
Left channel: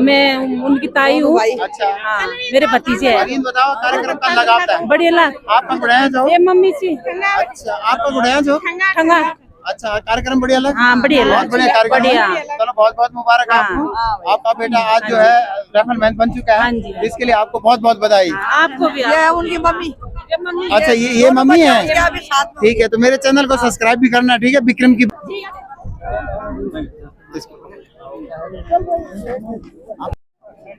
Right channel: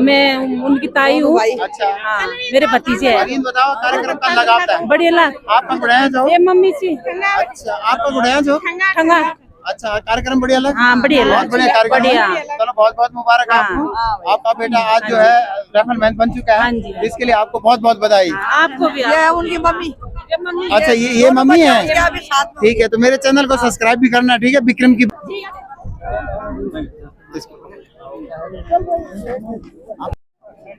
मैं उनकी ताई हूँ। अच्छा हाँ, मेरे भतीजे हैं। अभी बताओ कार्यक्रम कल लगा था। बढ़िया ला आपका बुढ़ाया जो? ये मम्मी सी। अच्छा आपका बुढ़ाया जो? ठंगा। अच्छा कार्यक्रम बढ़िया लगा? हाँ बढ़िया लगा। बहुत बढ़िया कार्यक्रम। बढ़िया। चलो बहुत बहुत मुबारक आपको। आपका बेटा आज जो है राइफलमैन बन चुका है। इसके लिए आपको बहुत बहुत बधाई। आपको भी। ये उनकी मम्मी। अच्छा ये मम्मी है। ठीक है तो मेरे चैनल को सब्सक्राइब भी करना। ठीक है विक्रम की।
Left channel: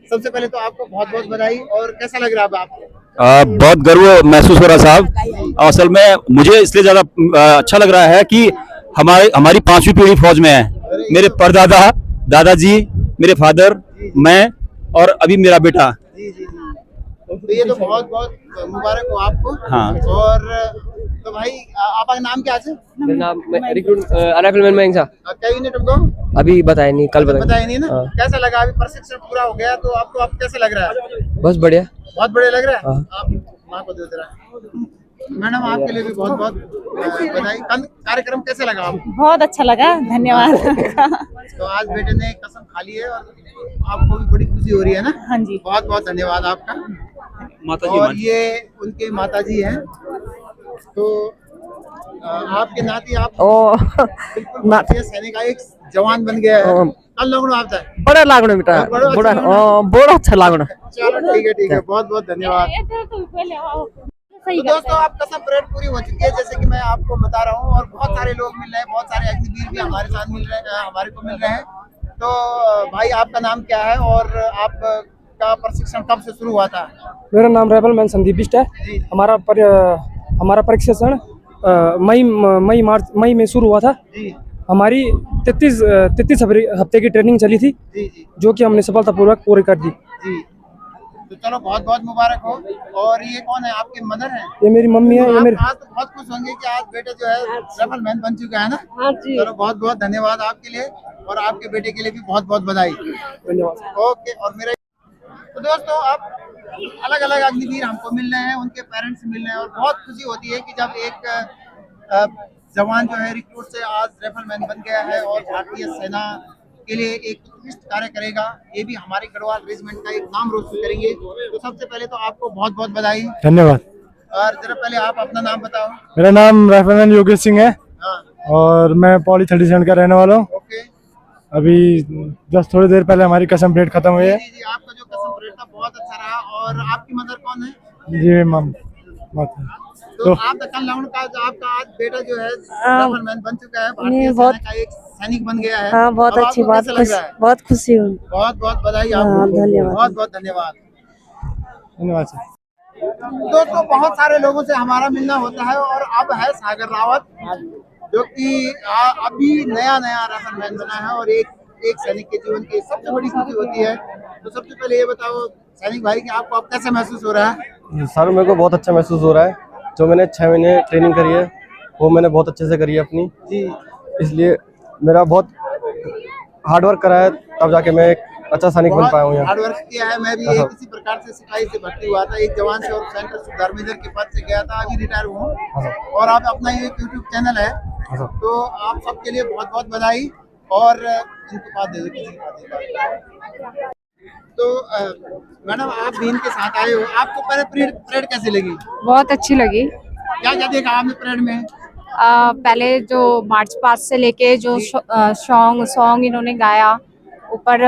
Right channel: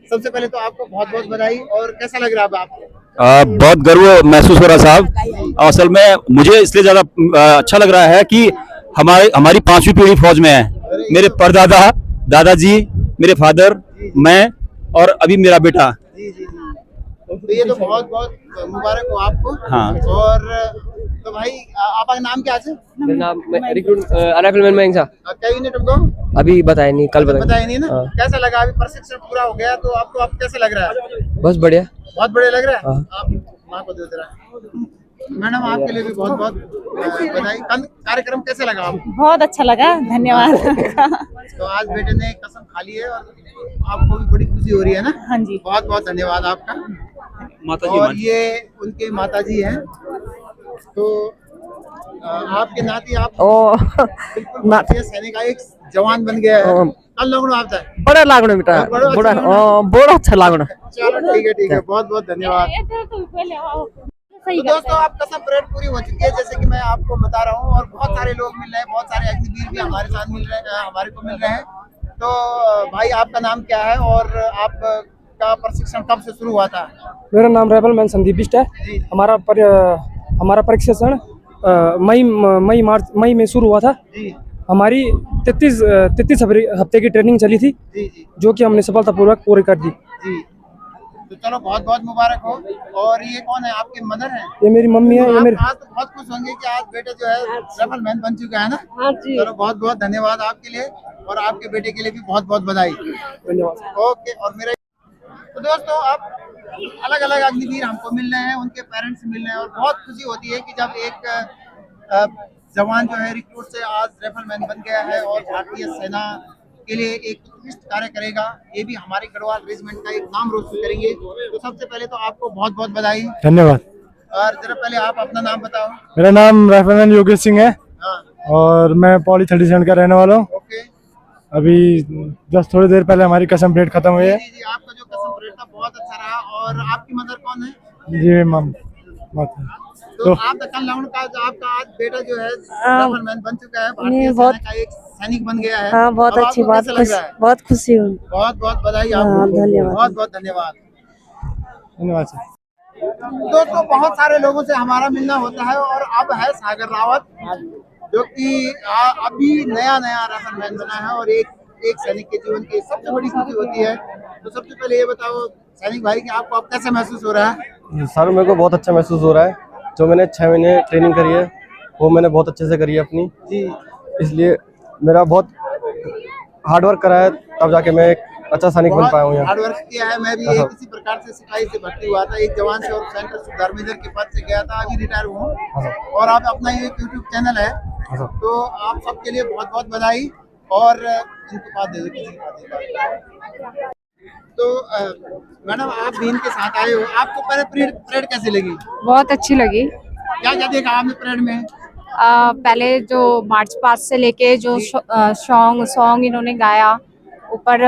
सबसे पहले तो आपको बहुत बहुत बधाई। और कैसा लग रहा है आपको? बहुत गर्व महसूस हो रहा साहब। असल में मुझे इसलिए ज्यादा अच्छा लग रहा है कि हमारी 5वीं पीढ़ी फौज में है। मेरे परदादा, दादाजी, मेरे फादर, मैं और अभी मेरा बेटा। तो ये तो बहुत बहुत मुबारक हो आपको। हाँ। और तो भाई आपका नाम क्या है? मेरा नाम राइफलमैन मयंक शाह। क्या यूनिट तुमको अभी बताया नहीं, कल बताया। बताया नहीं ना? हाँ। कैसा लगा? अभी प्रशिक्षण पूरा हो गया तो आपको अब कैसे लग रहा है? बस बढ़िया। बहुत बढ़िया लग रहा है। हाँ। आप माँ को दे दे रहा है। मैडम आपके लिए भी बहुत बहुत बधाई। कार्यक्रम कैसे लगा आपको? बहुत अच्छा लगा, धन्यवाद। तो आज बेटे ने कसम खा ली है और आपको भी बड़ी खुशी हो रही है ना? हाँ जी। बहुत बहुत धन्यवाद आपका। माताजी और ये उनके माताजी हैं। तो आपके नाती आप बिल्कुल भारतीय सैनिक का एक जवान बन गया है। कल लोग आप जाए बड़ा लागण बेटा, बड़ा अच्छा लागण। चलो ठीक है, बहुत बहुत धन्यवाद। तो दोस्तों आप कसम परेड पूरी हो चुकी है, जैसे कि मैं आपको बता रहा हूँ। और बहुत सारे लोग मिल रहे हैं, बहुत सारे अग्निवीर भी हमारे साथ मिल रहे हैं, हमारे को मिल रहे हैं। तो भाई आपका नाम क्या है और आपका प्रशिक्षण कब से शुरू हुआ था? मेरा नाम राइफलमैन संदीप बिष्ट है। हमारा प्रशिक्षण मई में शुरू हुआ था। जी हमारी 33 हफ्ते की ट्रेनिंग चली थी, जी जो कि हमने सफलतापूर्वक पूरी कर दी। जी। तो चलो बहुत बहुत मुबारक हो। और ये कौन है? आपके मदर हैं? ये मेरी मम्मी है। तो ये आप मेरी आज तो बहुत खुश होंगे कि आज बेटा जो है राइफलमैन बन चुका है ना? हाँ जी। चलो बहुत बहुत धन्यवाद आपके लिए और आपके बेटे के लिए भी बहुत बहुत बधाई। धन्यवाद। ओके। और मेरा तो दोस्तों अब अलग अलग अग्निवीर हमको मिल रहे हैं, उनके पेरेंट्स मिल रहे हैं और बहुत खुशी होती है कि जब एक जवान जो है रिक्रूट से आज राइफलमैन बन गया है और भारतीय सेना के लिए एक उत्कृष्ट कार्य करेगा। ये भी हमारे गढ़वाल रेजिमेंट का एक नाम रोशन करेंगे। तो सबसे पहले तो आपको बहुत बहुत बधाई। धन्यवाद। और जरा पहले आप अपना नाम बताओ। मेरा नाम राइफलमैन योगेश सिंह है। हाँ। और मैं पौड़ी 37 का रहने वाला हूँ। ओके। अभी जस्ट थोड़ी देर पहले हमारी कसम परेड खत्म हुई है। जी आपका जो कसम परेड था बहुत अच्छा रहा। और आपकी मदर कौन है? जी तो आप कल लाउंड का जो आपका आज बेटा जो है राइफलमैन बन चुका है, भारतीय सेना का एक सैनिक बन गया है। हाँ, बहुत अच्छी बात, बहुत खुशी हूँ। बहुत बहुत बधाई आपको। धन्यवाद। बहुत बहुत धन्यवाद। धन्यवाद सर। दोस्तों बहुत सारे लोगों से हमारा मिलना होता है और अब है सागर रावत, जो कि अभी नया राइफलमैन बना है और एक सैनिक के जीवन की सबसे बड़ी खुशी होती है। तो सबसे पहले ये बताओ सैनिक भाई कि आपको अब कैसे महसूस हो रहा है? सर मेरे को बहुत अच्छा महसूस हो रहा है। जो मैंने 6 महीने ट्रेनिंग करी है वो मैंने बहुत अच्छे से करी है अपनी। जी। इसलिए मेरा बहुत हार्ड वर्क करा है, तब जाके मैं एक अच्छा सैनिक बन पाया हूँ यहाँ। हार्ड वर्क किया है। मैं भी एक इसी प्रकार से सिपाही से भर्ती हुआ था, एक जवान से और सेंटर सुधार मेजर के पद से गया था, अभी रिटायर हुआ। और आप अपना ये यूट्यूब चैनल है, तो आप सबके लिए बहुत बहुत बधाई। और इनके पास दे दो, किसी के पास दे दो। तो मैडम आप भी इनके साथ आए हो, आपको पहले परेड कैसी लगी? बहुत अच्छी लगी। क्या क्या देखा आपने परेड में? पहले जो मार्च पास्ट से लेके जो सॉन्ग इन्होंने गाया, ऊपर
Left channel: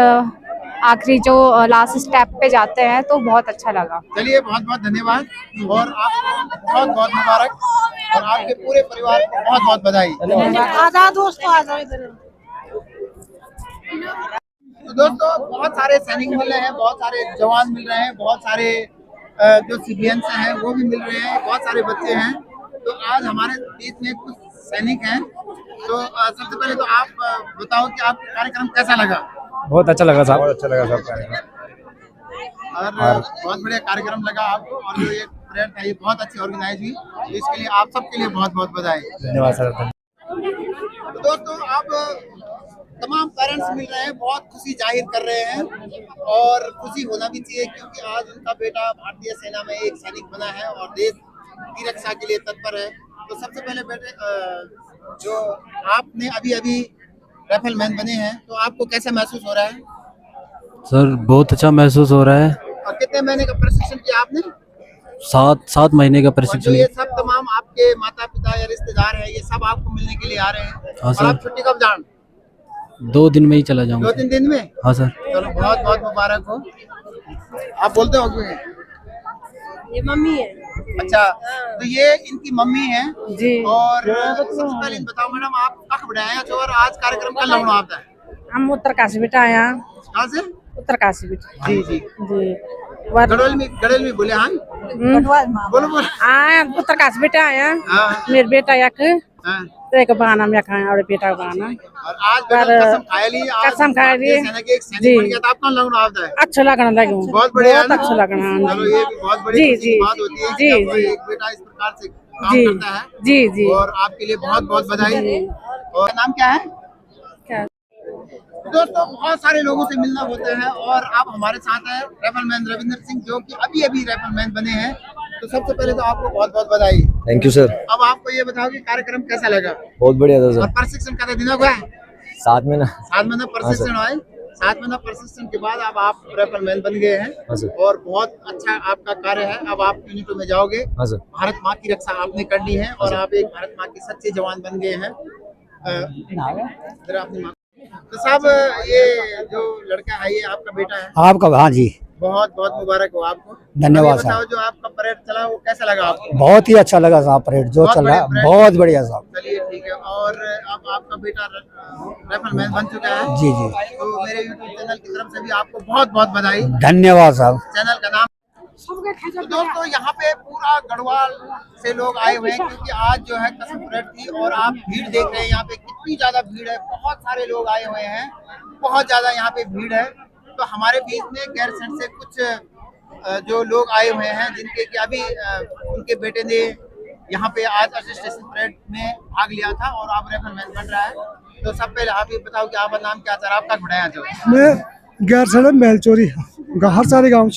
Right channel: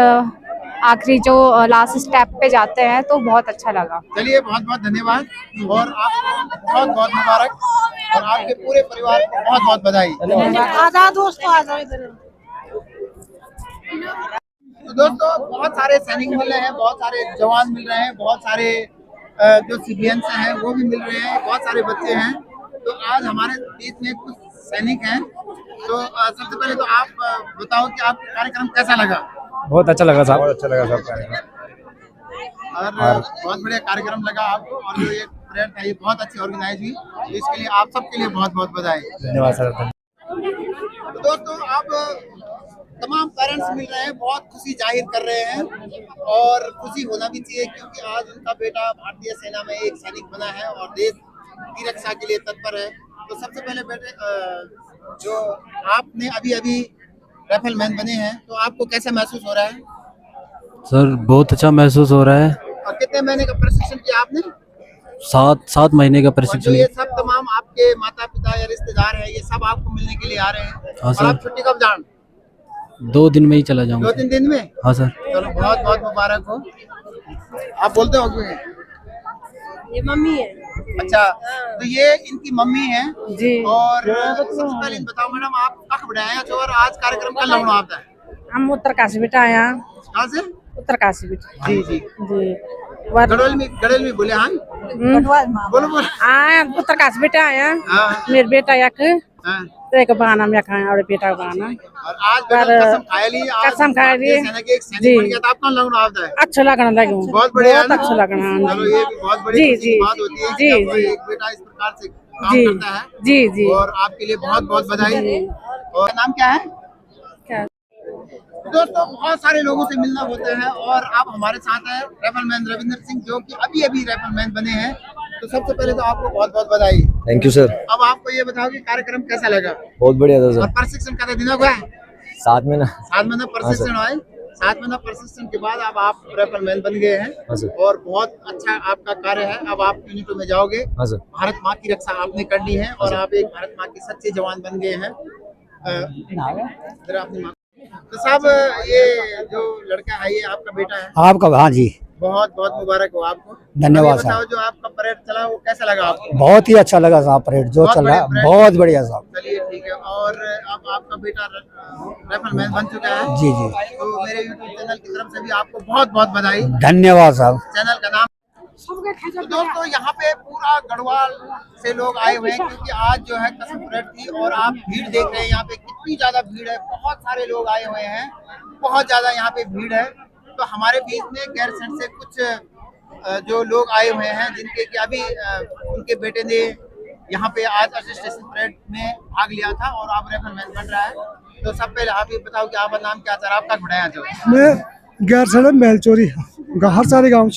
आखिरी जो लास्ट स्टेप पे जाते हैं, तो बहुत अच्छा लगा। चलिए बहुत बहुत धन्यवाद और आपको बहुत बहुत मुबारक और आपके पूरे परिवार को बहुत बहुत बधाई। तो दोस्तों बहुत सारे सैनिक मिल रहे हैं, बहुत सारे जवान मिल रहे हैं, बहुत सारे जो सिविलियंस हैं वो भी मिल रहे हैं, बहुत सारे बच्चे हैं। तो आज हमारे बीच में कुछ सैनिक हैं। तो सबसे पहले तो आप बताओ कि आपका कार्यक्रम कैसा लगा? बहुत अच्छा लगा साहब। बहुत अच्छा लगा सब कार्यक्रम और बहुत बढ़िया कार्यक्रम लगा आपको। और जो ये परेड था ये बहुत अच्छी ऑर्गेनाइज हुई, तो इसके लिए आप सबके लिए बहुत बहुत बधाई। धन्यवाद सर। तो दोस्तों अब तमाम पेरेंट्स मिल रहे हैं, बहुत खुशी जाहिर कर रहे हैं और खुशी होना भी चाहिए, क्योंकि आज उनका बेटा भारतीय सेना में एक सैनिक बना है और देश की रक्षा के लिए तत्पर है। तो सबसे पहले बेटे जो आपने अभी राइफलमैन बने हैं, तो आपको कैसा महसूस हो रहा है? सर बहुत अच्छा महसूस हो रहा है। और कितने महीने का प्रशिक्षण किया आपने? 7 महीने का और जो प्रशिक्षण। ये सब तमाम आपके माता पिता या रिश्तेदार हैं, ये सब आपको मिलने के लिए आ रहे हैं। हाँ और सर। आप छुट्टी कब जान? 2 दिन में ही चला जाऊंगा। 2-3 दिन में? हाँ सर। चलो बहुत बहुत मुबारक हो। आप बोलते हो क्यों? ये मम्मी है। अच्छा, तो ये इनकी मम्मी है जी। और सबसे पहले इन बताओ मैडम, आप कख बढ़ाया जो और आज कार्यक्रम का लगना आता है? हम उत्तरकाशी बेटा आया। कहाँ से? उत्तरकाशी बेटा। जी जी जी। गड़ोल में बोले। हाँ बोलो बोलो। उत्तरकाशी बेटा आया। हाँ मेरे बेटा एक हाँ एक बहाना में खाए और बेटा बहाना और आज कसम खा ली, आज कसम खा ली। भारतीय सेना के एक सैनिक बन गया था, आपका लगना आपदा है। अच्छा लगना लगे, बहुत बढ़िया, बहुत अच्छा लगना। चलो ये भी बहुत बड़ी जी, खुशी की जी, बात होती है जी, कि आपका जी। एक बेटा इस प्रकार से काम जी, करता है। जी, जी। और आपके लिए बहुत बहुत बधाई। और नाम क्या है? क्या? दोस्तों बहुत सारे लोगों से मिलना होता है और आप हमारे साथ हैं राइफलमैन रविंदर सिंह, जो कि अभी अभी राइफलमैन बने हैं। तो सबसे पहले तो आपको बहुत बहुत बधाई। Thank you sir. अब आपको ये बताओ कि कार्यक्रम कैसा लगा? बहुत बढ़िया था और सर। प्रशिक्षण का दिन हुआ है? 7 महीना। 7 महीना प्रशिक्षण हुआ है। 7 महीना प्रशिक्षण के बाद अब आप राइफलमैन बन गए हैं और बहुत अच्छा आपका कार्य है। अब आप यूनिटों में जाओगे, भारत माँ की रक्षा आपने करनी है और आप एक भारत माँ के सच्चे जवान बन गए हैं। अपनी माँ तो साहब, ये जो लड़का है ये आपका बेटा है? आपका? हाँ जी, बहुत बहुत मुबारक हो आपको। धन्यवाद अब ये बताओ, साहब। जो आपका परेड चला वो कैसा लगा आपको? बहुत ही अच्छा लगा साहब, परेड जो बहुत चल रहा है बढ़िया बहुत बढ़िया साहब। चलिए ठीक है। और अब आपका बेटा राइफलमैन बन चुका है। जी जी, तो मेरे यूट्यूब चैनल की तरफ से भी आपको बहुत बहुत बधाई। धन्यवाद साहब। चैनल का नाम तो दोस्तों यहाँ पे पूरा गढ़वाल से लोग आए हुए हैं, क्योंकि आज जो है कसम परेड थी और आप भीड़ देख रहे हैं यहाँ पे कितनी ज्यादा भीड़ है। बहुत सारे लोग आए हुए हैं, बहुत ज्यादा यहाँ पे भीड़ है। तो हमारे बीच में गैरसैंण से कुछ जो लोग आए हुए हैं, जिनके कि अभी उनके बेटे ने यहाँ पे आज असिस्टेंट परेड में भाग लिया था और अब राइफलमैन बन रहा है। तो सब पहले आप ये बताओ कि आपका नाम क्या था, आपका घुड़ाया जो मैं गैरसैंण मेलचोरी हर सारे गाँव।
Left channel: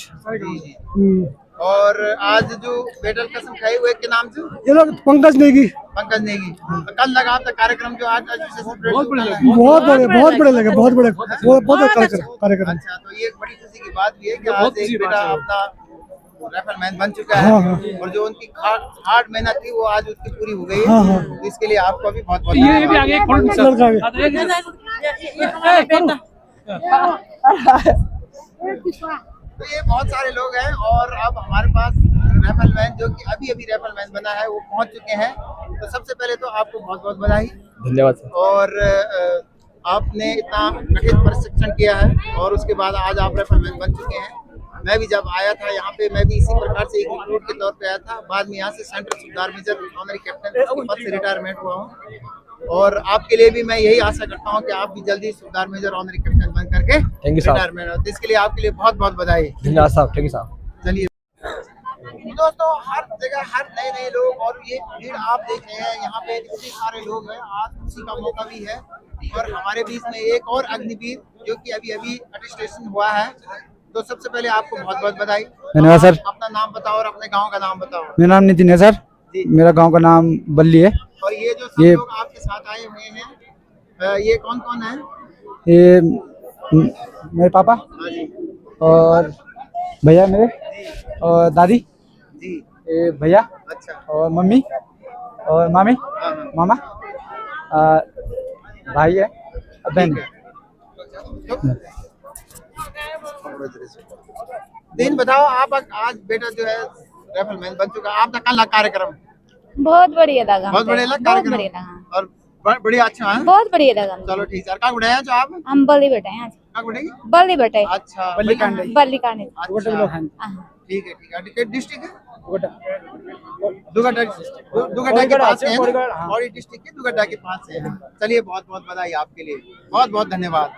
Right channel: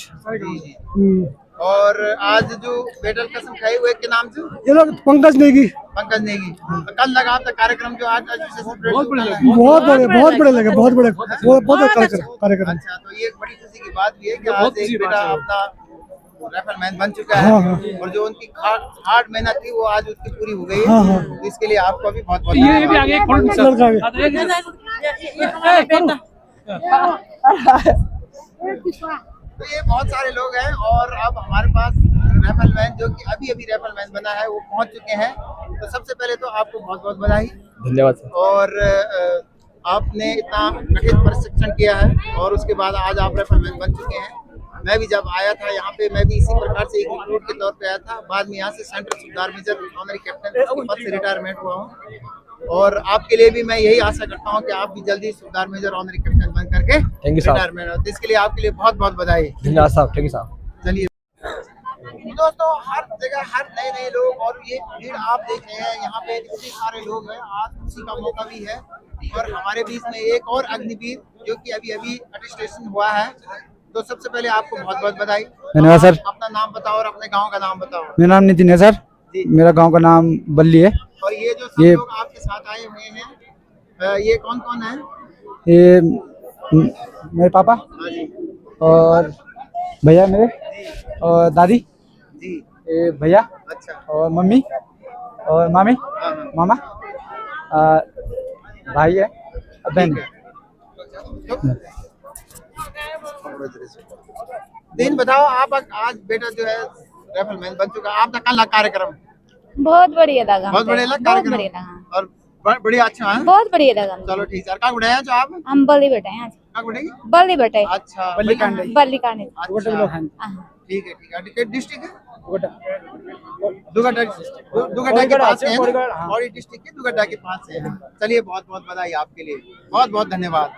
और आज जो बेटल कसम खाई हुए के नाम से ये लोग पंकज नेगी। पंकज नेगी। तो कल लगा था कार्यक्रम जो आज बहुत बड़े लगे, बहुत बड़े कार्यक्रम। अच्छा, तो ये एक बड़ी खुशी की बात भी है कि आज एक बेटा अपना राइफलमैन बन चुका है। और जो उनकी हार्ड मेहनत थी वो आज उसकी पूरी हो गई है। तो इसके लिए आपको भी बहुत बहुत तो ये बहुत सारे लोग हैं और अब हमारे पास राइफलमैन जो कि अभी अभी राइफलमैन बना है वो पहुंच चुके हैं। तो सबसे पहले तो आपको बहुत बहुत बधाई। धन्यवाद सर। और आपने इतना कठिन प्रशिक्षण किया है और उसके बाद आज आप राइफलमैन बन चुके हैं। मैं भी जब आया था यहाँ पे, मैं भी इसी प्रकार से एक रिक्रूट के तौर पे आया था। बाद में यहाँ से सेंट्रल सूबेदार मेजर ऑनरी कैप्टन पद से रिटायरमेंट हुआ हूँ। और आपके लिए भी मैं यही आशा करता हूँ कि आप भी जल्दी सूबेदार मेजर ऑनरी कैप्टन बन करके रिटायरमेंट हो। इसके लिए आपके लिए बहुत बहुत बधाई। धन्यवाद साहब। थैंक यू साहब। चलिए दोस्तों, हर जगह हर नए नए लोग और ये भीड़ आप देख रहे हैं, यहाँ पे इतने सारे लोग हैं। आज खुशी का मौका भी है और हमारे बीच में एक और अग्निवीर जो कि अभी अभी अटेस्टेशन हुआ है। तो सबसे पहले आपको बहुत बहुत बधाई। धन्यवाद सर। अपना नाम बताओ और अपने गांव का नाम बताओ। मेरा नाम नितिन है सर, मेरा गांव का नाम बल्ली है। और ये जो सब लोग आपके साथ आए हुए हैं, ये कौन कौन है? ये मेरे पापा और भैया मेरे और दादी जी, ये भैया अच्छा, और मम्मी और मामी मामा भाई है और बहन है। दिन बताओ आप। आज बेटा जो है राइफलमैन बन चुका, आपका कल कार्यक्रम बहुत बढ़िया लगा, बहुत बढ़िया लगा कार्यक्रम और बढ़िया अच्छा है। बहुत बढ़िया लगा। चलो ठीक है। कहाँ उड़ाया जो आप? हम बल्ली बैठे हैं। कहाँ उड़ेगी? बल्ली बैठे। अच्छा, बल्ली कांडे। अच्छा, ठीक है ठीक है। डिस्ट्रिक्ट है दुगड्डा के पास है, और डिस्ट्रिक्ट के दुगड्डा के पास है। चलिए बहुत बहुत बधाई आपके लिए, बहुत बहुत धन्यवाद।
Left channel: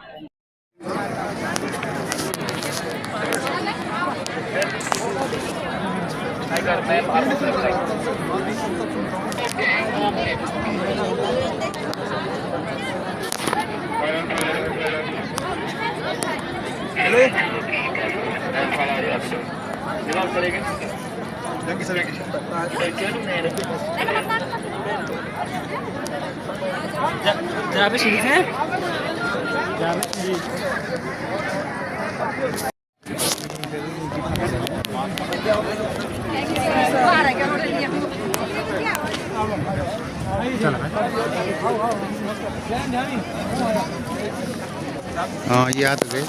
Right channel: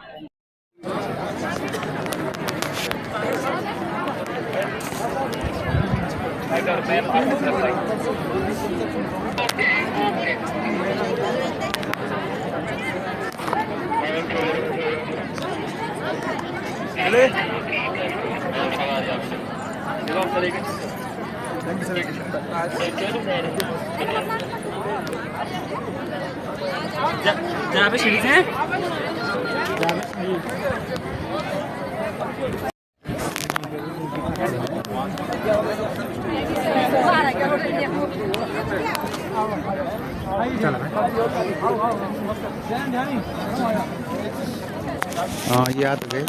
हाँ, ये आ तो गए।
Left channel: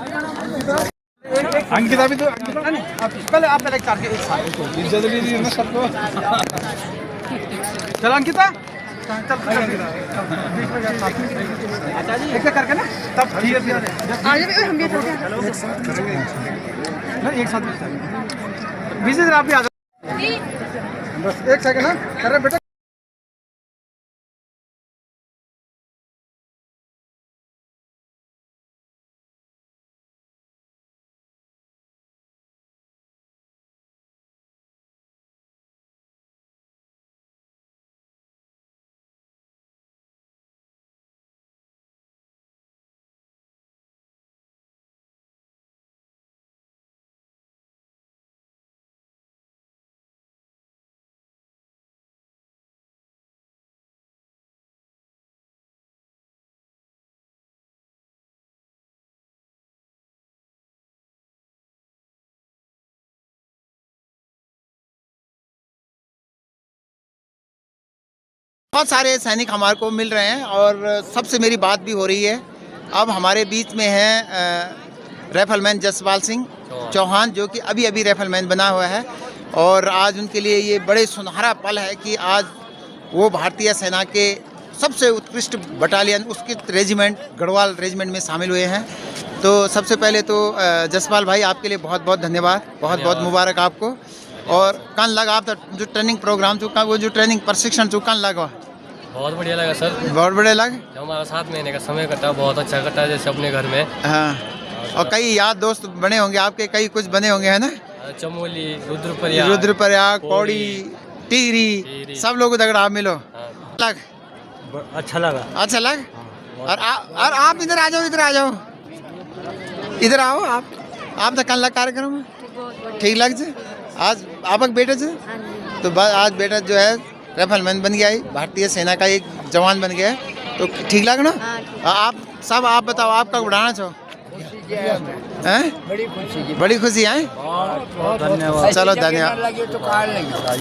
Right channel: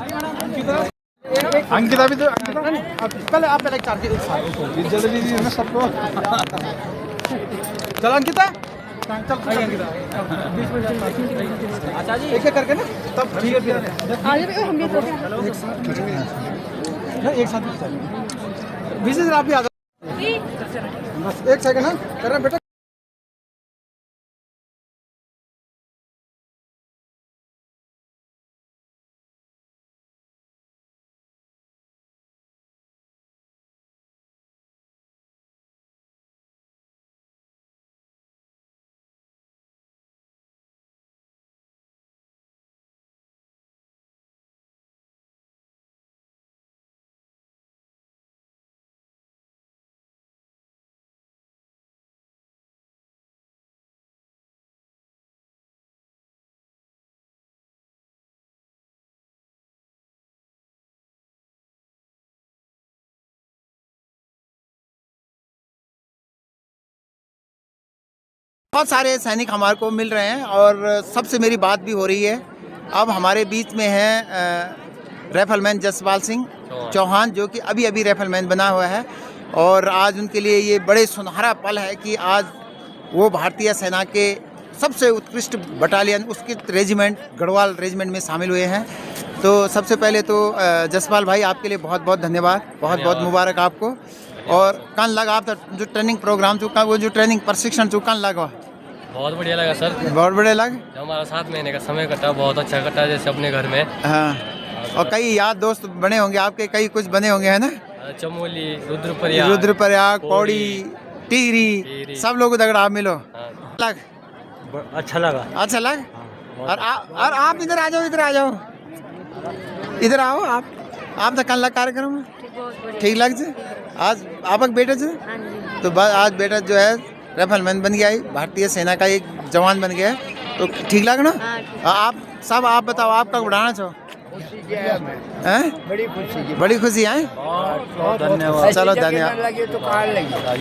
अंकिता भी तो पहले आप पहले चार के एक साथ सबको चल अंकिता, चल भाई अंकिता एक करके ना तब ठीक है। आज भी हम भी एक साथ ना, एक साथ विजिट आप भी आ जाओ। बस एक सेकंड ना कर रहे बेटा। बहुत सारे सैनिक हमारे को मिल रहे हैं और सबसे मेरी बात भी हो रही है। अब हमारे बीच में है राइफलमैन जसपाल सिंह चौहान, जो कि अभी अभी राइफलमैन बना हुआ है। और आज उनके लिए ये बड़े सुनहरा पल है कि आज वो भारतीय सेना के सबसे उत्कृष्ट बटालियन, उसके रेजिमेंट गढ़वाल रेजिमेंट में शामिल हुए हैं। तो सबसे पहले तो जसपाल भाई आपके लिए बहुत बहुत धन्यवाद, बहुत बहुत मुबारक आपको। और कल लगा आप जो ट्रेनिंग प्रोग्राम तो वो जो ट्रेनिंग प्रशिक्षण तो कल लगा, बहुत बढ़िया लगा सर। बहुत बढ़िया लगे। जो हमारा 7 महीने का समय कटा बहुत अच्छा कटा, जैसे अपने घर में। हाँ, और कई याद दोस्त बने होंगे आपके, कई कुछ बने होंगे है ना। चमोली, रुद्रप्रयाग, पौड़ी, टिहरी, सब लोग दगड़ा आप मिलो। लग अच्छा लगा। अच्छा लग। और आप इधर आ जाओ, इधर आ जाओ, इधर आओ आप तो कल लग कार्यक्रम में ठीक लग जाए। आज आपक बेटा जो तो आज बेटा जो है राइफलमैन बन गया है, भारतीय सेना का एक जवान बन गया है, तो ठीक लग ना। आप सब आप बताओ, आप कब बढ़ाना चाहो? बड़ी खुशी है। धन्यवाद। चलो धन्यवाद।